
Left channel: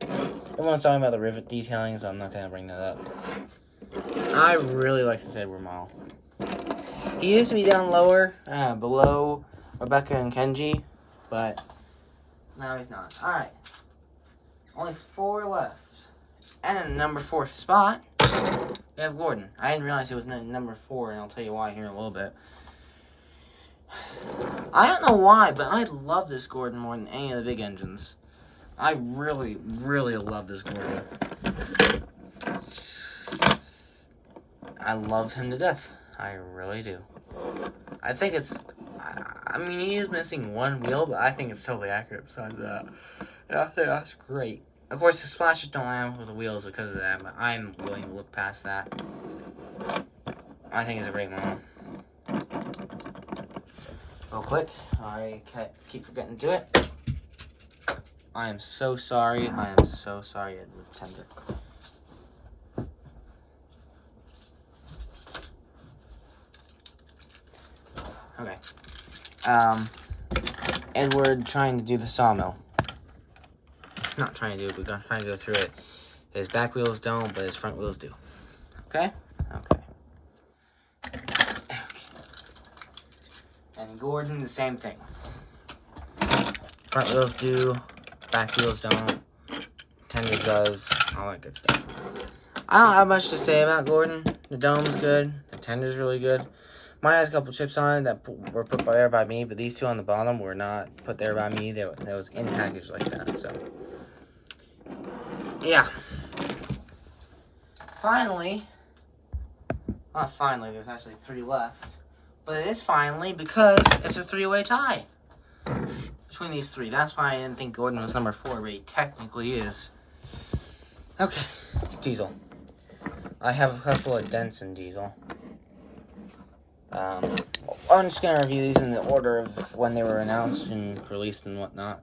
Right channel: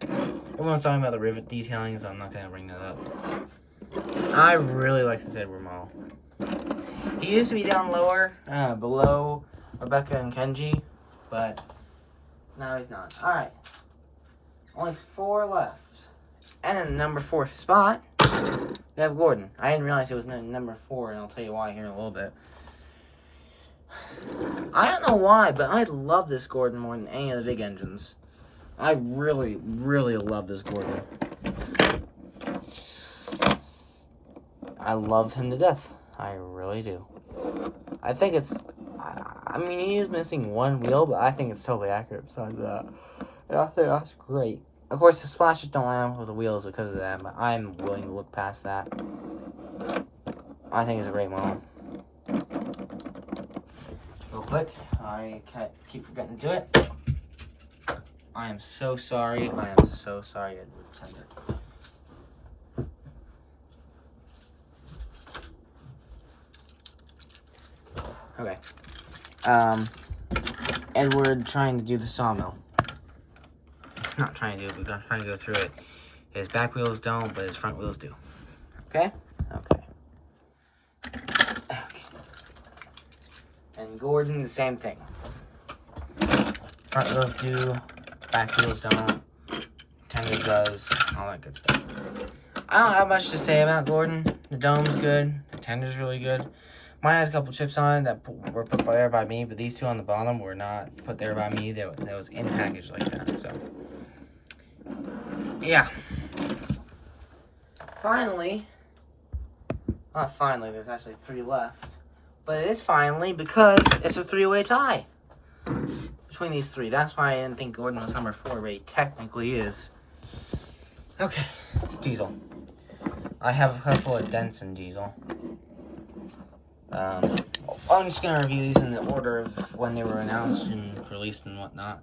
Everyone's talking about the rivet detailing, so I'm not going to bring that up. I really like this Edward model. He used to be down lower, below Rebecca and Kenji, but now he's not. Alright. Only 4 left. And in the number 4th spot, we have Gordon. I didn't realize it was number 4, and I'll tell you why here in a little bit. I don't know why, but I love this Gordon more than any of the big engines. I really, really love this Gordon. I love him to death. I really do. I think it's... I mean, he is missing one wheel, but I think it's totally accurate besides that. And I think that's great. Of course, the splashes don't line up with the wheels because of that, but I'm willing to look past that. I think it's a great model. real quick. I keep forgetting to do it. I am so sorry. I am so sorry. Okay. Edward trying to do the sawmill. Not trying to do it, but trying to go through it. His back wheels don't, but his front wheels do. Okay? Okay. And Gordon, the same thing. Front wheels do, back wheels don't. Tender does, all that good stuff. I don't have much to say about Gordon. The dome's good, the tender's really good. Mine has a couple chips on it that were put there by me, but these two on the bottom were not put there by me. That was in package like that, so. Yeah. Finally, not finally, there's actually 3 left. But it is finally because it's a 3-way tie between these 3. That's why I didn't think Gordon was number 4, but he technically is. Okay, it's Diesel. I have a couple of dents in Diesel. I'm just going to review these in the order of when they were announced and released and whatnot.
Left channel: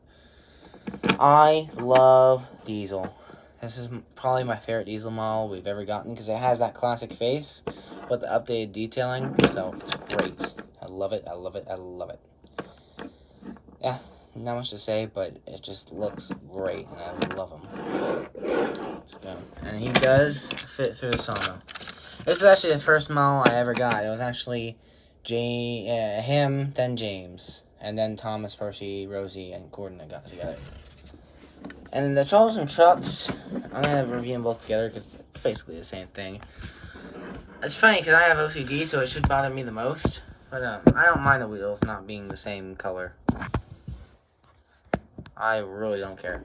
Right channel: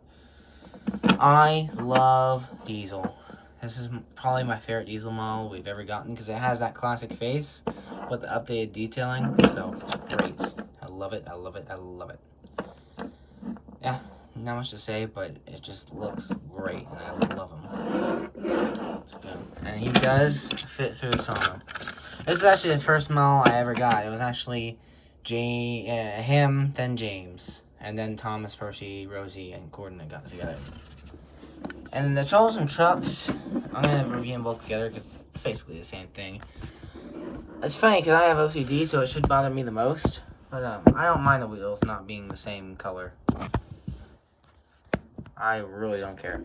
I love Diesel. This is probably my favorite Diesel model we've ever gotten because it has that classic face with the updated detailing, so it's great. I love it, I love it, I love it. Yeah, not much to say, but it just looks great, and I love him. Let's go. And he does fit through the sawmill. This is actually the first model I ever got. It was actually him, then James, and then Thomas, Percy, Rosie, and Gordon that got together. And the trolls and trucks, I'm going to review them both together because it's basically the same thing. It's funny because I have OCD, so it should bother me the most. But I don't mind the wheels not being the same color. I really don't care.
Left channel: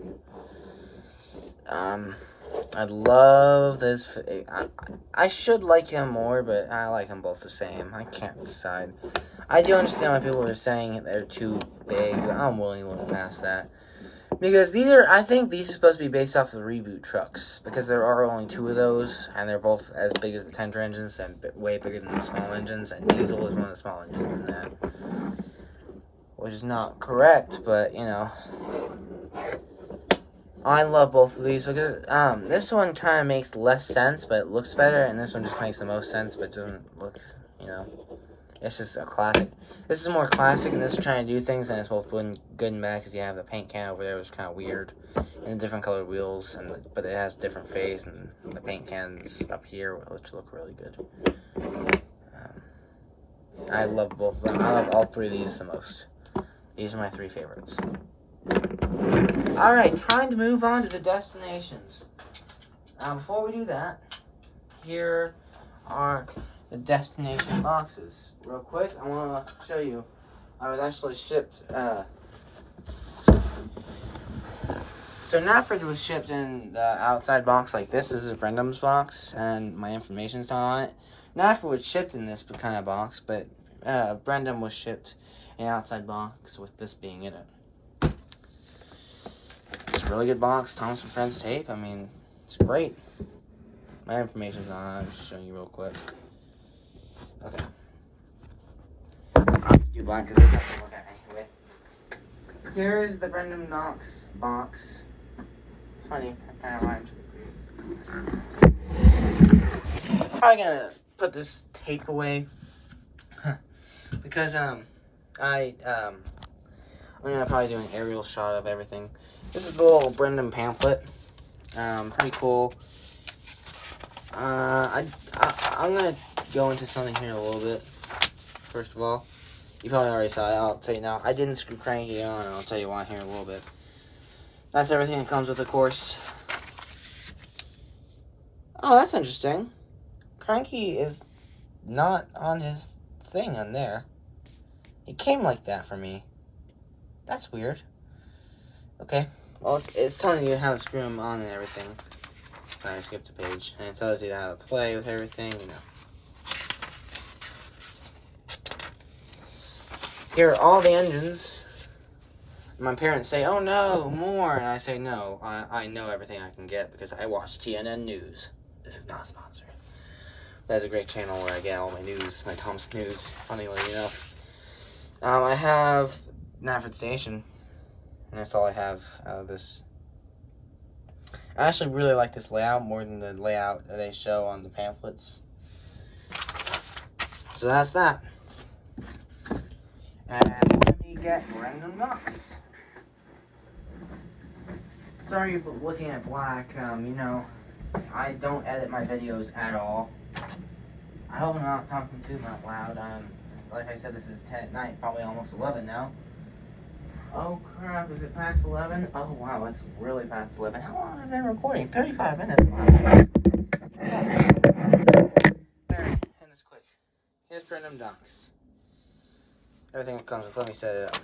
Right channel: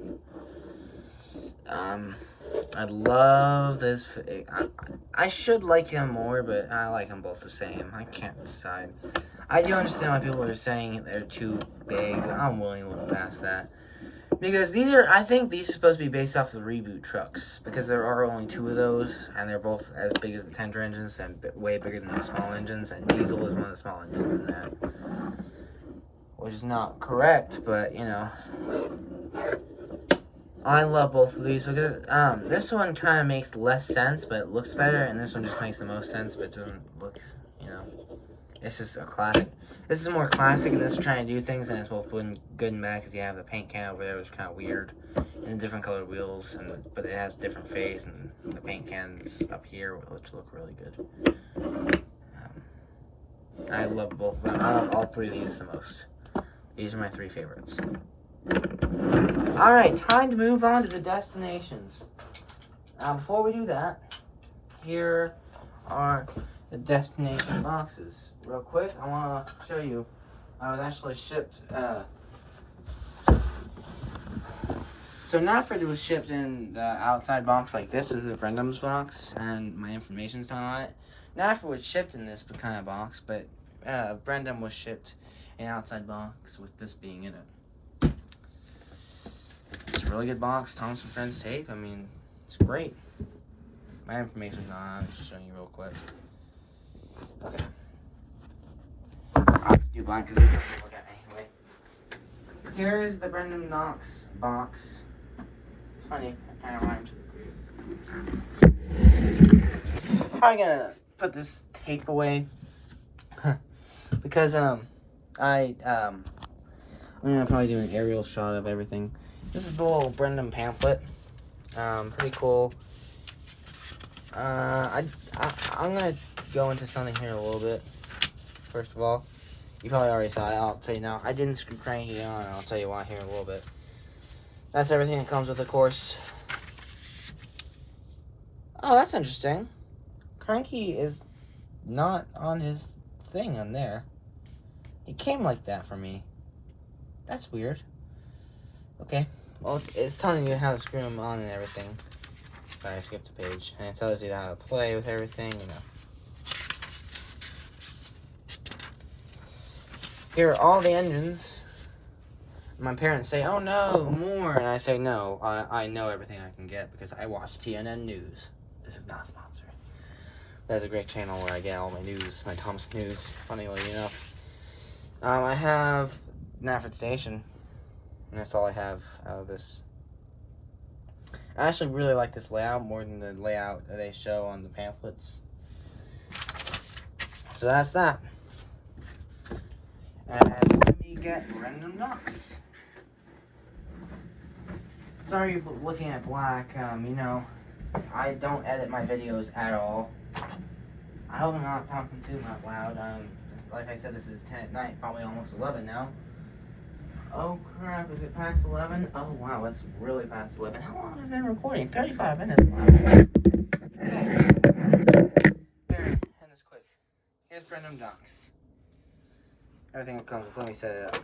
I love this. I should like him more, but I like them both the same. I can't decide. I do understand why people are saying they're too big. I'm willing to look past that. Because I think these are supposed to be based off the reboot trucks. Because there are only 2 of those, and they're both as big as the tender engines and way bigger than the small engines. And Diesel is one of the small engines in that. Which is not correct, but, you know. I love both of these because this one kind of makes less sense, but it looks better. And this one just makes the most sense, but doesn't look, you know. It's just a classic. This is more classic, and this is trying to do things, and it's both good and bad because you have the paint can over there, which is kind of weird, and different colored wheels, but it has different face, and the paint cans up here, which look really good. I love both of them. I love all 3 of these the most. These are my 3 favorites. All right, time to move on to the destinations. Before we do that, here are the destination boxes. Real quick, I want to show you. I was actually shipped. So Knapford was shipped in the outside box like this. This is Brendan's box, and my information's not on it. Knapford was shipped in this kind of box, but Brendan was shipped in an outside box with this being in it. It's a really good box. Thomas and Friends tape. I mean, it's great. My information's not on it. I'm just showing you real quick. Okay. I'll just do blind because they have to look at me. Okay. Here's the Brendan Knox box. It's funny, I kind of rhymed. I'm probably gonna put this tape away because I'm gonna probably do an aerial shot of everything. This is the little Brendan pamphlet. Pretty cool. I'm gonna go into something here a little bit. First of all, you probably already saw it. I'll tell you now. I didn't screw Cranky on, and I'll tell you why here in a little bit. That's everything that comes with the course. Oh, that's interesting. Cranky is not on his thing on there. It came like that for me. That's weird. Okay. Well, it's telling you how to screw them on and everything. Sorry, I skipped a page. And it tells you how to play with everything, you know. Here are all the engines. My parents say, oh no, more. And I say, no, I know everything I can get because I watch TNN News. This is not sponsored. That's a great channel where I get all my news, my Thomas news, funnily enough. I have Nafford Station. And that's all I have out of this. I actually really like this layout more than the layout that they show on the pamphlets. So that's that. And let me get random ducks. Sorry for looking at black. You know, I don't edit my videos at all. I hope I'm not talking too much loud. Like I said, this is 10 at night, probably almost 11 now. Oh crap, is it past 11? Oh wow, it's really past 11. How long have I been recording? 35 minutes. There, end this quick. Here's random ducks. Everything that comes with, let me set it up.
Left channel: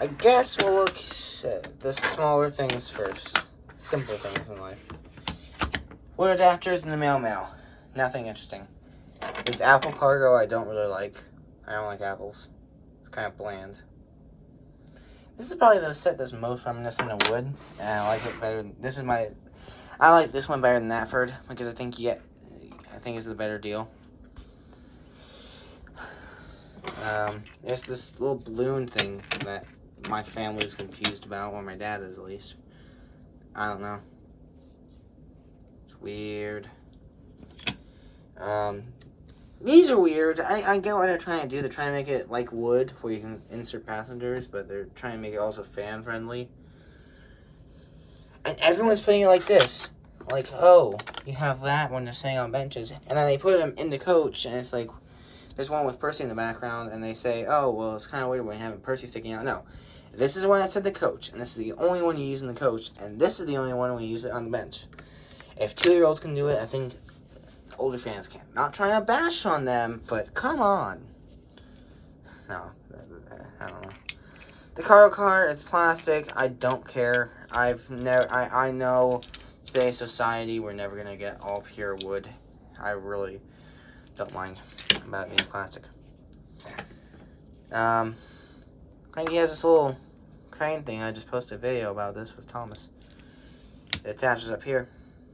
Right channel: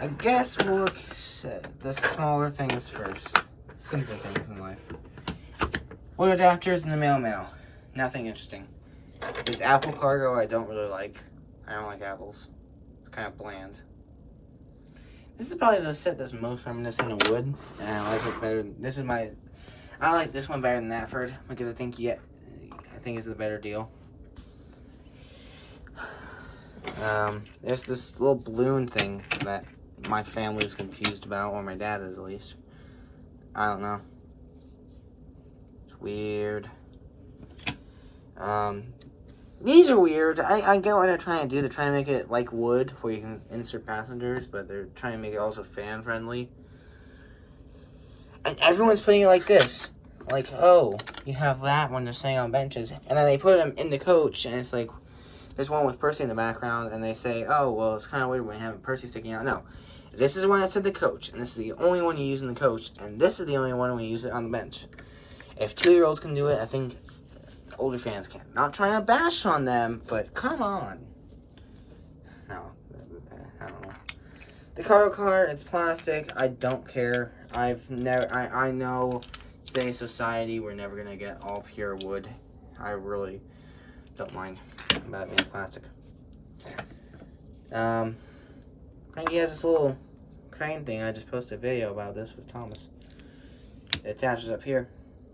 I guess we'll look at the smaller things first. Simple things in life. Wood adapters and the mail. Nothing interesting. This apple cargo I don't really like. I don't like apples. It's kind of bland. This is probably the set that's most reminiscent of wood. And I like it better. I like this one better than Nafford because I think it's the better deal. There's this little balloon thing that my family is confused about, or my dad is at least. I don't know. It's weird. These are weird. I get what they're trying to do. They're trying to make it like wood, where you can insert passengers, but they're trying to make it also fan-friendly. And everyone's putting it like this. Like, oh, you have that when they're sitting on benches. And then they put them in the coach, and it's like, there's one with Percy in the background, and they say, oh, well, it's kind of weird when you have Percy sticking out. No. This is one that's in the coach, and this is the only one you use in the coach, and this is the only one we use it on the bench. If 2-year-olds can do it, I think older fans can. Not trying to bash on them, but come on. No, I don't know. The cargo car, it's plastic. I don't care. I know today's society, we're never gonna get all pure wood. I really don't mind about it being plastic. Cranky has this little crane thing. I just posted a video about this with Thomas. It attaches up here.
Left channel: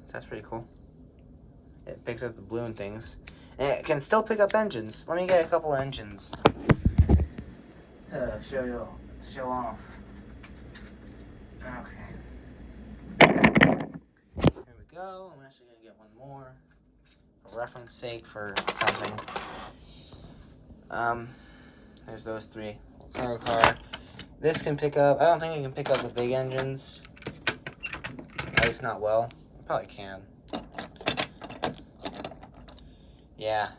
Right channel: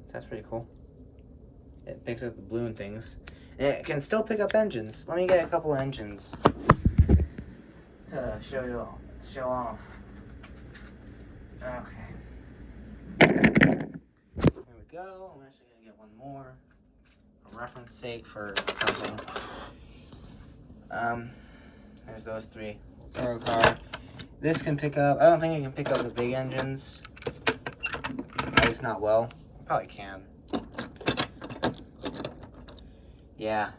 So that's pretty cool. It picks up the balloon things. And it can still pick up engines. Let me get a couple of engines to show off. Okay. There we go. I'm actually going to get one more. For reference sake for something. There's those 3. Cargo car. This can pick up, I don't think it can pick up the big engines. At least not well. It probably can. Yeah.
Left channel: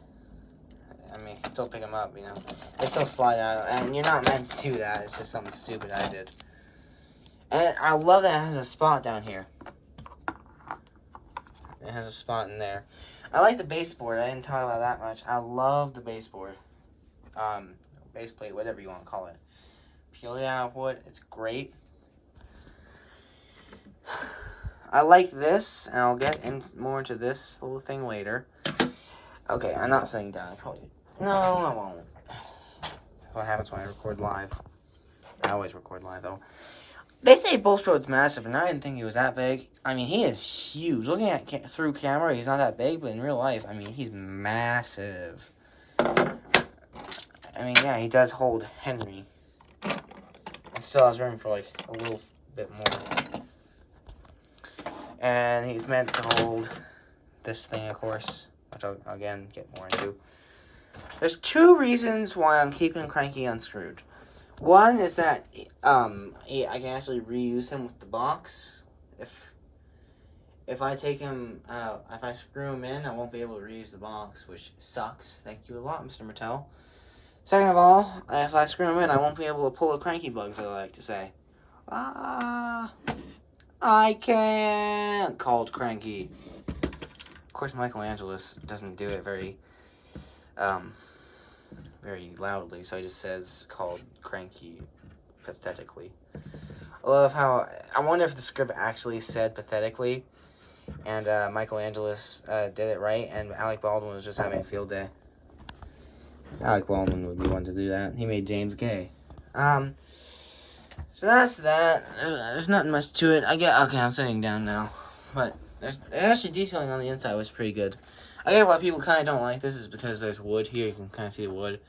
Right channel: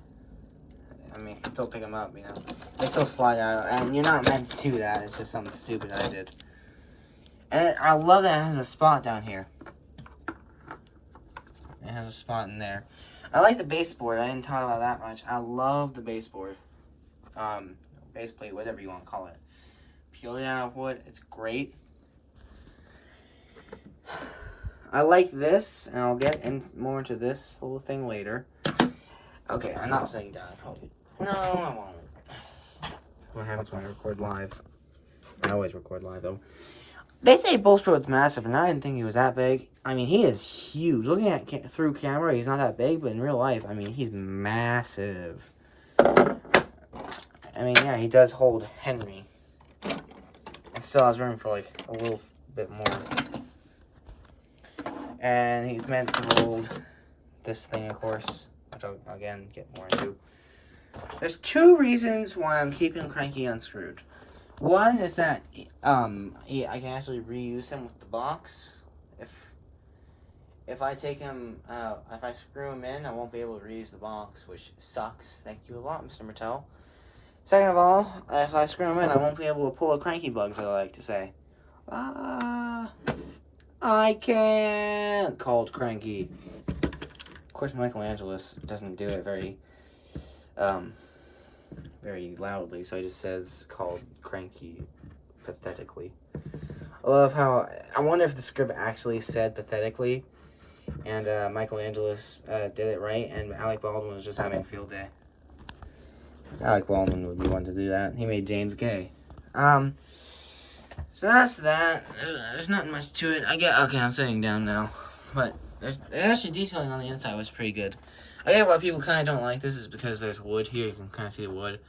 I mean, still pick them up, you know. They still slide out, and you're not meant to do that. It's just something stupid I did. And I love that it has a spot down here. It has a spot in there. I like the baseboard. I didn't talk about that much. I love the baseboard. Base plate, whatever you want to call it. Purely out of wood. It's great. I like this, and I'll get more into this little thing later. Okay, I'm not sitting down. No, I won't. What happens when I record live? I always record live, though. They say Bulstrode's massive, and I didn't think he was that big. I mean, he is huge. Looking at through camera, he's not that big, but in real life, I mean, he's massive. I mean, yeah, he does hold Henry. And still has room for, like, a little bit more. And he's meant to hold this thing, of course, which I'll, again, get more into. There's 2 reasons why I'm keeping Cranky unscrewed. One is that I can actually reuse him with the box. If I take him out, if I screw him in, I won't be able to reuse the box, which sucks. Thank you a lot, Mr. Mattel. Second of all, if I screw him in, I won't be able to pull a cranky bugs, I like to say. I can't, called Cranky. Of course, Michelangelo doesn't do it very loudly, so he just says called Cranky pathetically. I love how, I wonder if the script actually said pathetically, and Michelangelo did it right, and Alec Baldwin was just having a field day. Alec Baldwin would be one to do that. He made James gay. So that's that. There's nothing much to it. Okay, I'm sitting down now. But there's actually detailing on the inside was pretty good. I get why people kind of don't like this is because there's wood here. You can kind of see the wood.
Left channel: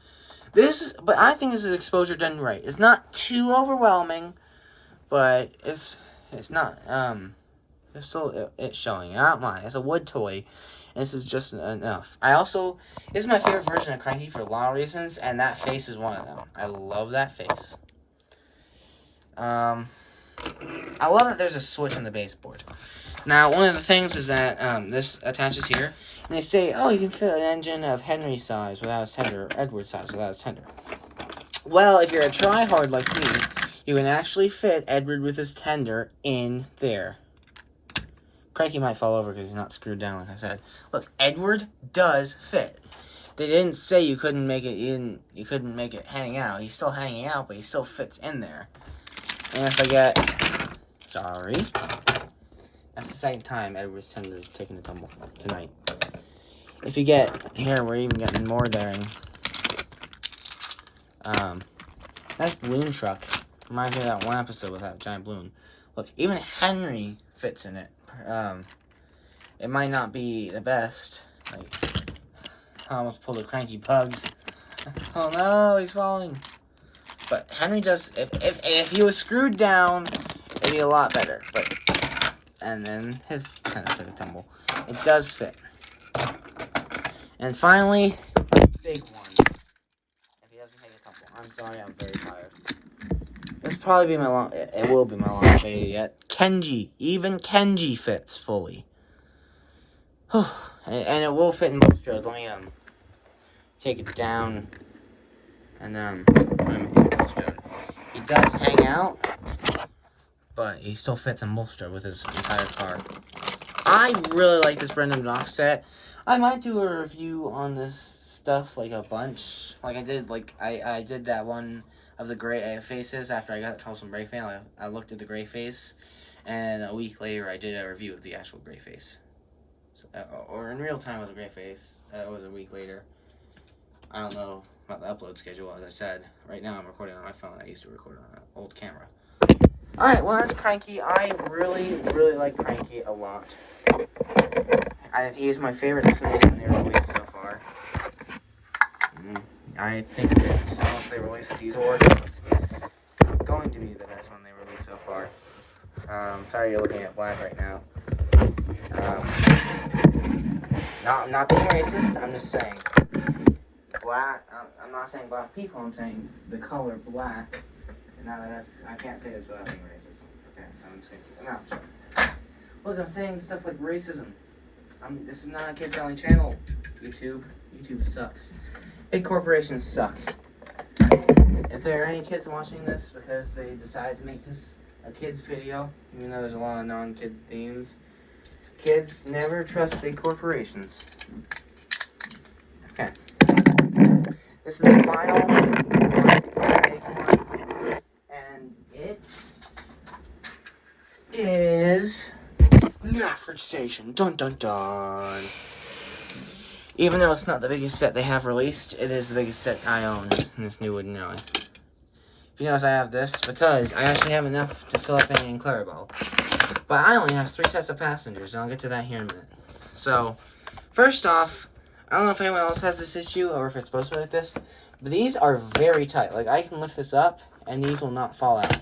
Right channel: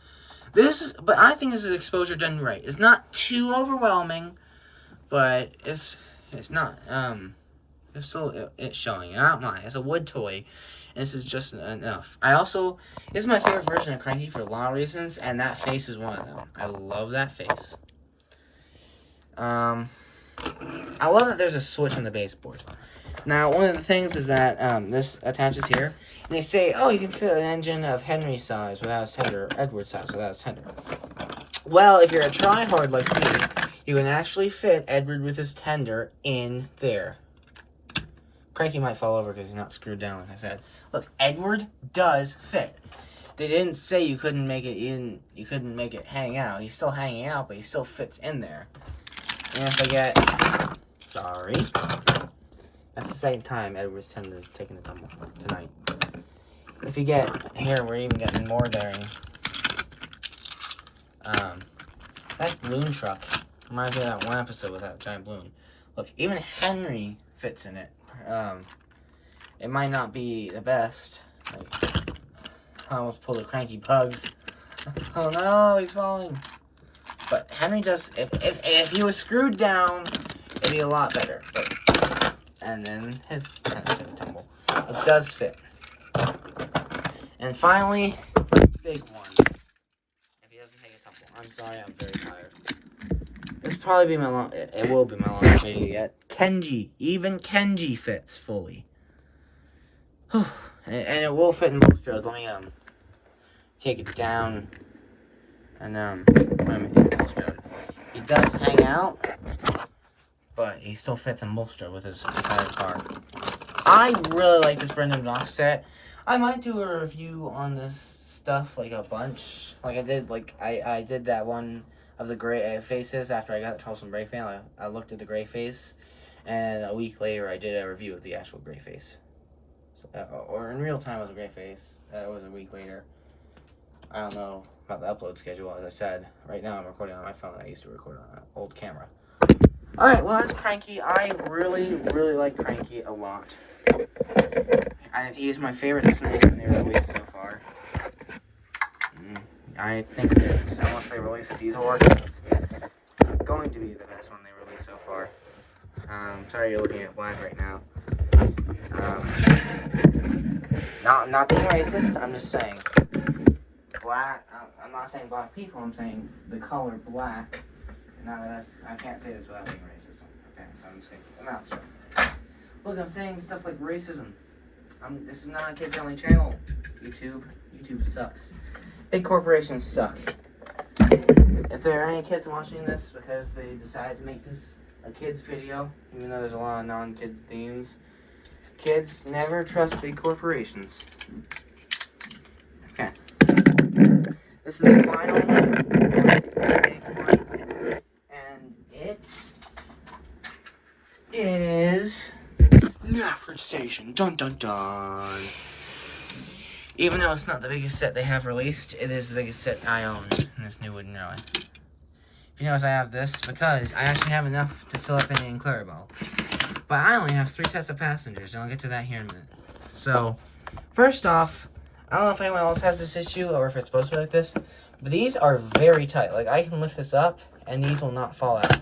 But I think this is exposure done right. It's not too overwhelming, but it's not, it's still, it's showing. Not mine. It's a wood toy. And this is just enough. This is my favorite version of Cranky for a lot of reasons, and that face is one of them. I love that face. I love that there's a switch on the baseboard. Now, one of the things is that this attaches here, and they say, oh, you can fit an engine of Henry's size without a tender, or Edward's size without a tender. Well, if you're a tryhard like me, you can actually fit Edward with his tender in there. Cranky might fall over because he's not screwed down, like I said. Look, Edward does fit. They didn't say you couldn't make it in. You couldn't make it hang out. He's still hanging out, but he still fits in there. And if I get, sorry, that's the second time Edward's tender is taking a tumble tonight. If you get here, we're even getting more daring. That balloon truck reminds me of that one episode with that giant balloon. Look, even Henry fits in it. It might not be the best. I almost pulled the Cranky bugs. Oh no, he's falling. But Henry does. If he was screwed down, it'd be a lot better. But, and then his tender took a tumble. It does fit. And finally, big one. If he doesn't take a tumble, I'm sorry, I'm very tired. This will probably be my long. It will be my longest video yet. Kenji, even Kenji fits fully. And it will fit in both strokes. Let me take it down and he does hang out, but he still fits in both strokes with his entire car. I really like this Brendan Knox set. I might do a review on this stuff like a bunch, like I did. Like I did that one of the gray faces after I got the Charleston Brake fan. I looked at the gray face, and a week later I did a review of the actual gray face. So, or in real time it was a gray face. It was a week later. I don't know about the upload schedule, as I said. Right now I'm recording on my phone. I used to record on an old camera. Alright, well that's Cranky. I really, really like Cranky a lot. He is my favorite destination they released so far. I think it's, unless they release a diesel one, it's going to be the best one they released so far. Sorry you're looking at black right now. Not being racist, I'm just saying black. I'm not saying black people, I'm saying the color black. I can't say this without being racist. Okay, so I'm just gonna keep my mouth shut. Look, I'm saying stuff like racism. This is not a kid-friendly channel. YouTube sucks. Big corporations suck. If there are any kids watching this because they decided to make this a kids video, even though there's a lot of non-kid themes, kids never trust big corporations. Okay. This is the final big one. And it is Nafford Station. Dun dun dun. Even though it's not the biggest set they have released, it is the biggest set I own in this new wooden alley. If you notice, I have this because I actually have enough to fill up any in Clarabelle. But I only have 3 sets of passengers, and I'll get to that here in a minute. So, first off, I don't know if anyone else has this issue or if it's supposed to be like this, but these are very tight. Like, I can lift this up, and these will not fall out.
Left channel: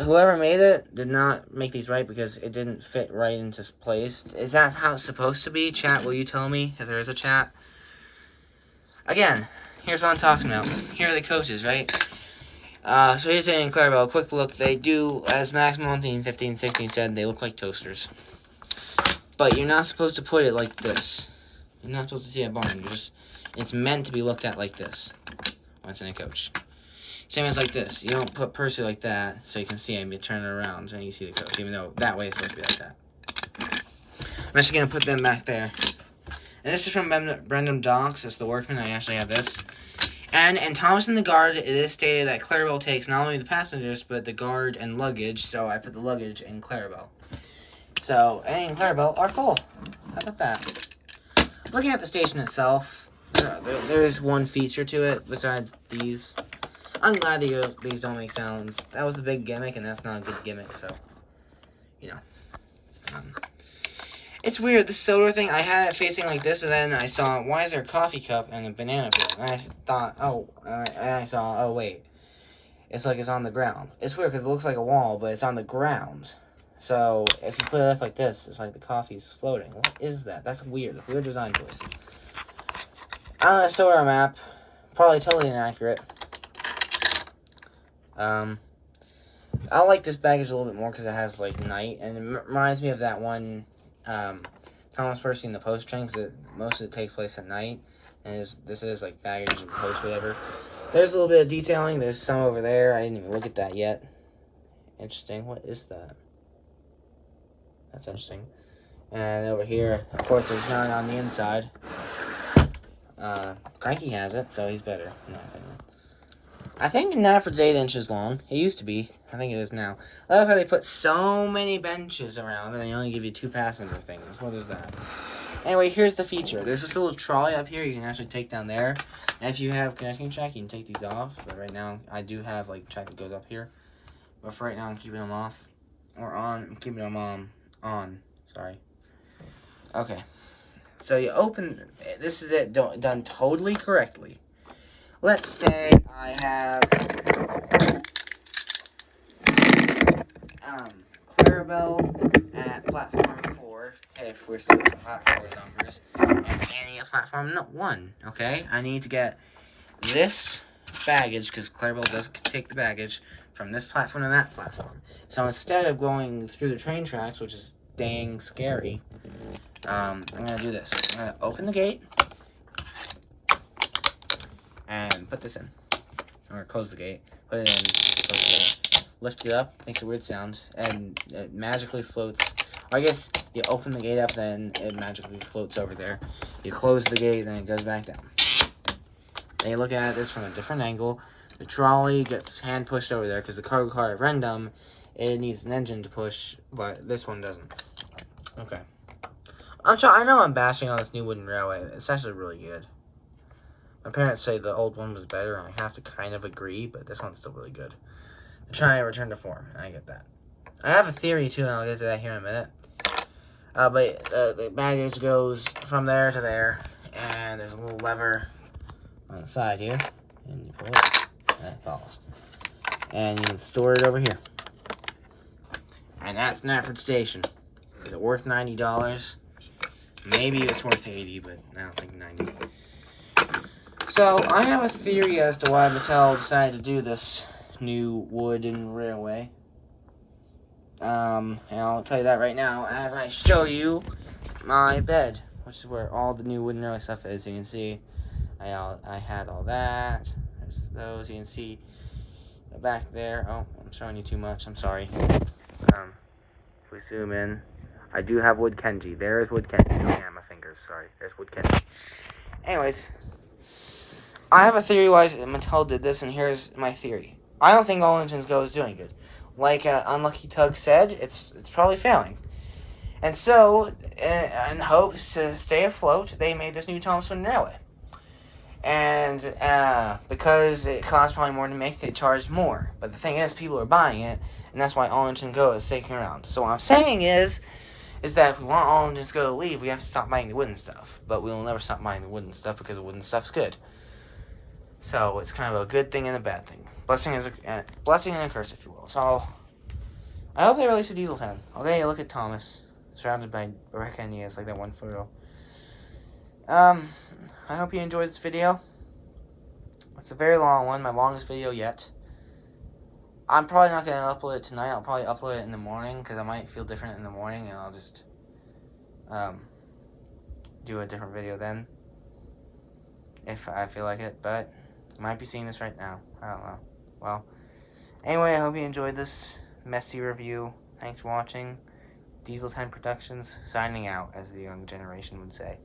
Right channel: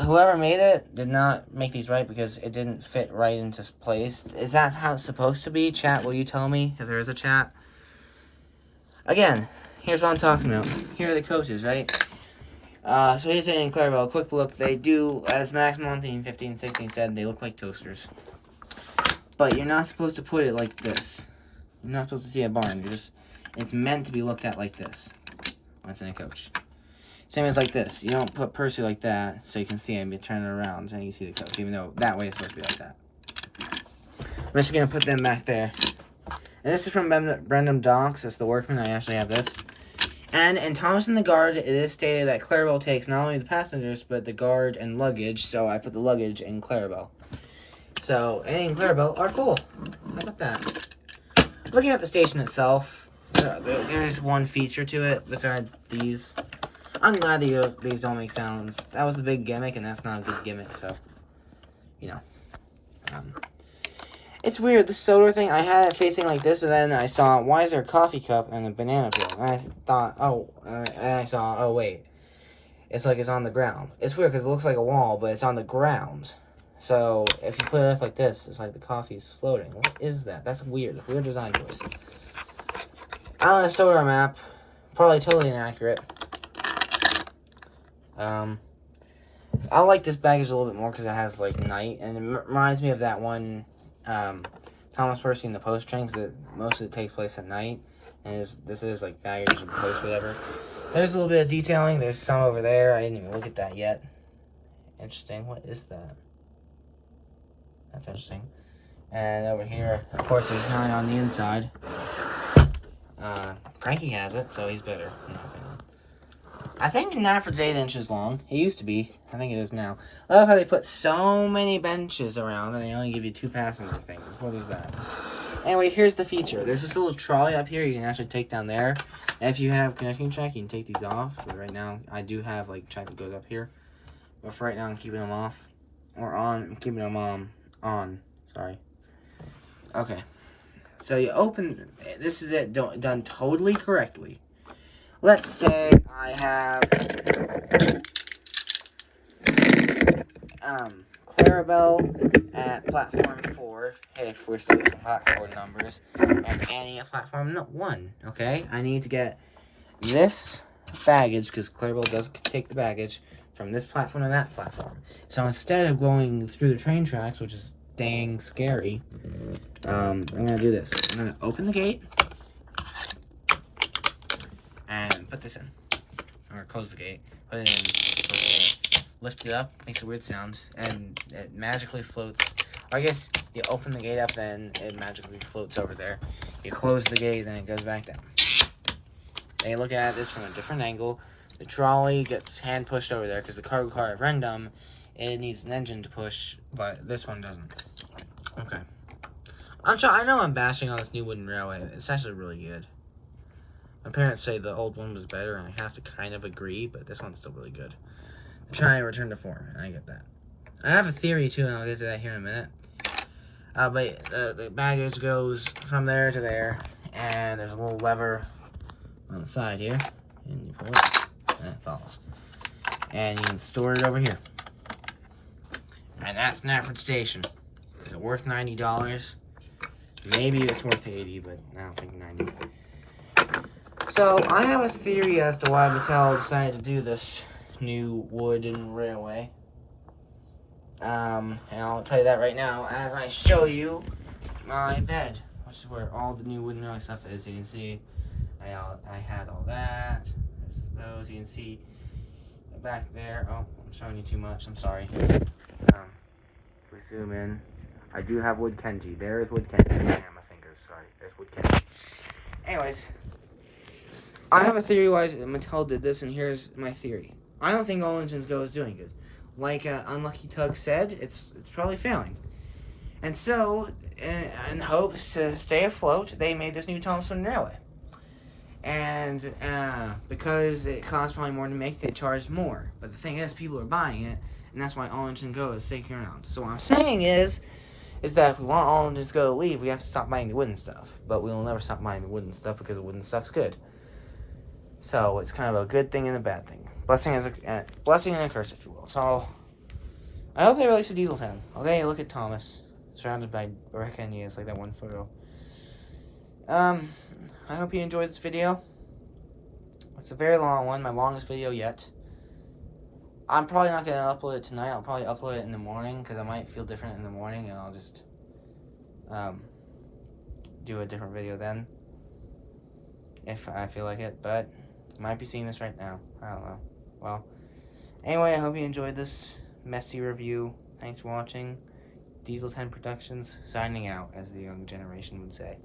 Whoever made it did not make these right because it didn't fit right into place. Is that how it's supposed to be? Chat, will you tell me if there is a chat? Again, here's what I'm talking about. Here are the coaches, right? So here's in Clarabelle. Quick look. They do, as Max Monty 1516 said, they look like toasters. But you're not supposed to put it like this. You're not supposed to see a barn. It's meant to be looked at like this when it's in a coach. Same as like this. You don't put Percy like that so you can see him. You turn it around and you see the coach, even though that way it's supposed to be like that. I'm actually going to put them back there. And this is from Brendan Docks. It's the Workman. I actually have this. And in Thomas and the Guard, it is stated that Clarabelle takes not only the passengers, but the guard and luggage. So I put the luggage in Clarabelle. So, any in Clarabelle are full. How about that? Looking at the station itself, there is one feature to it besides these. I'm glad these don't make sounds. That was the big gimmick, and that's not a good gimmick, so, you know. It's weird, the soda thing, I had it facing like this, but then I saw, why is there a coffee cup and a banana peel? And I thought, and I saw, oh wait, it's like it's on the ground. It's weird because it looks like a wall, but it's on the ground. So if you put it up like this, it's like the coffee's floating. What is that? That's weird. Weird design choice. On a soda map, probably totally inaccurate. I like this baggage a little bit more because it has like night, and it reminds me of that one Thomas Percy in the Post train, because most of it takes place at night, and this is like baggage and post whatever. There's a little bit of detailing. There's some over there. I didn't even look at that yet. Interesting. What is that? That's interesting. And over here, of course, there's none on the inside. Cranky has it, so he's better. No, I think Nafford's 8 inches long. It used to be. I think it is now. I love how they put so many benches around and they only give you 2 passenger things. What is that? Anyway, here's the feature. There's this little trolley up here you can actually take down there. And if you have connecting track, you can take these off. But right now, I do have like track that goes up here. But for right now, I'm keeping them off. Or on. I'm keeping them on. Sorry. Okay. So you open. This is it done totally correctly. Let's say I have Clarabelle at platform 4, if we're still using platform numbers, and Annie at platform 1, okay? I need to get this baggage, because Clarabelle does take the baggage, from this platform to that platform. So instead of going through the train tracks, which is dang scary, I'm going to do this. I'm going to open the gate, and put this in, or close the gate, put it in, lift it up, makes a weird sound, and it magically floats. Or I guess you open the gate up, then it magically floats over there. You close the gate, then it goes back down. Then you look at this from a different angle. The trolley gets hand pushed over there, because the cargo car at Rendam, it needs an engine to push, but this one doesn't. Okay. I know I'm bashing on this new wooden railway. It's actually really good. My parents say the old one was better, and I have to kind of agree, but this one's still really good. I'm trying to return to form, and I get that. I have a theory, too, and I'll get to that here in a minute. But the baggage goes from there to there, and there's a little lever on the side here, and you pull it, and it falls. And you can store it over here. And that's Nafford Station. Is it worth $90? Maybe it's worth $80, but I don't think $90. So, I have a theory as to why Mattel decided to do this new wooden railway. And I'll tell you that right now as I show you my bed, which is where all the new wooden railway stuff is. You can see I had all that. There's those. You can see back there. Oh, I'm showing you too much. I'm sorry. If we zoom in, I do have wood Kenji. There's wood Kenji. Yeah, my fingers. Sorry. There's wood Kenji. Anyways. I have a theory why Mattel did this, and here's my theory. I don't think All Engines Go is doing good. Like Unlucky Tug said, it's probably failing. And so, in hopes to stay afloat, they made this new Thompson Railway. And because it costs probably more to make, they charged more. But the thing is, people are buying it, and that's why All Engines Go is sticking around. So what I'm saying is that if we want All Engines Go to leave, we have to stop buying the wooden stuff. But we'll never stop buying the wooden stuff because the wooden stuff's good. So it's kind of a good thing and a bad thing. Blessing and a curse, if you will. So I hope they release a Diesel 10. Okay, look at Thomas surrounded by Rebecca and Nias, like that one photo. I hope you enjoyed this video. It's a very long one, my longest video yet. I'm probably not going to upload it tonight. I'll probably upload it in the morning, because I might feel different in the morning, and I'll just do a different video then, if I feel like it. But you might be seeing this right now. I don't know. Well, anyway, I hope you enjoyed this messy review. Thanks for watching. Diesel 10 Productions signing out, as the young generation would say.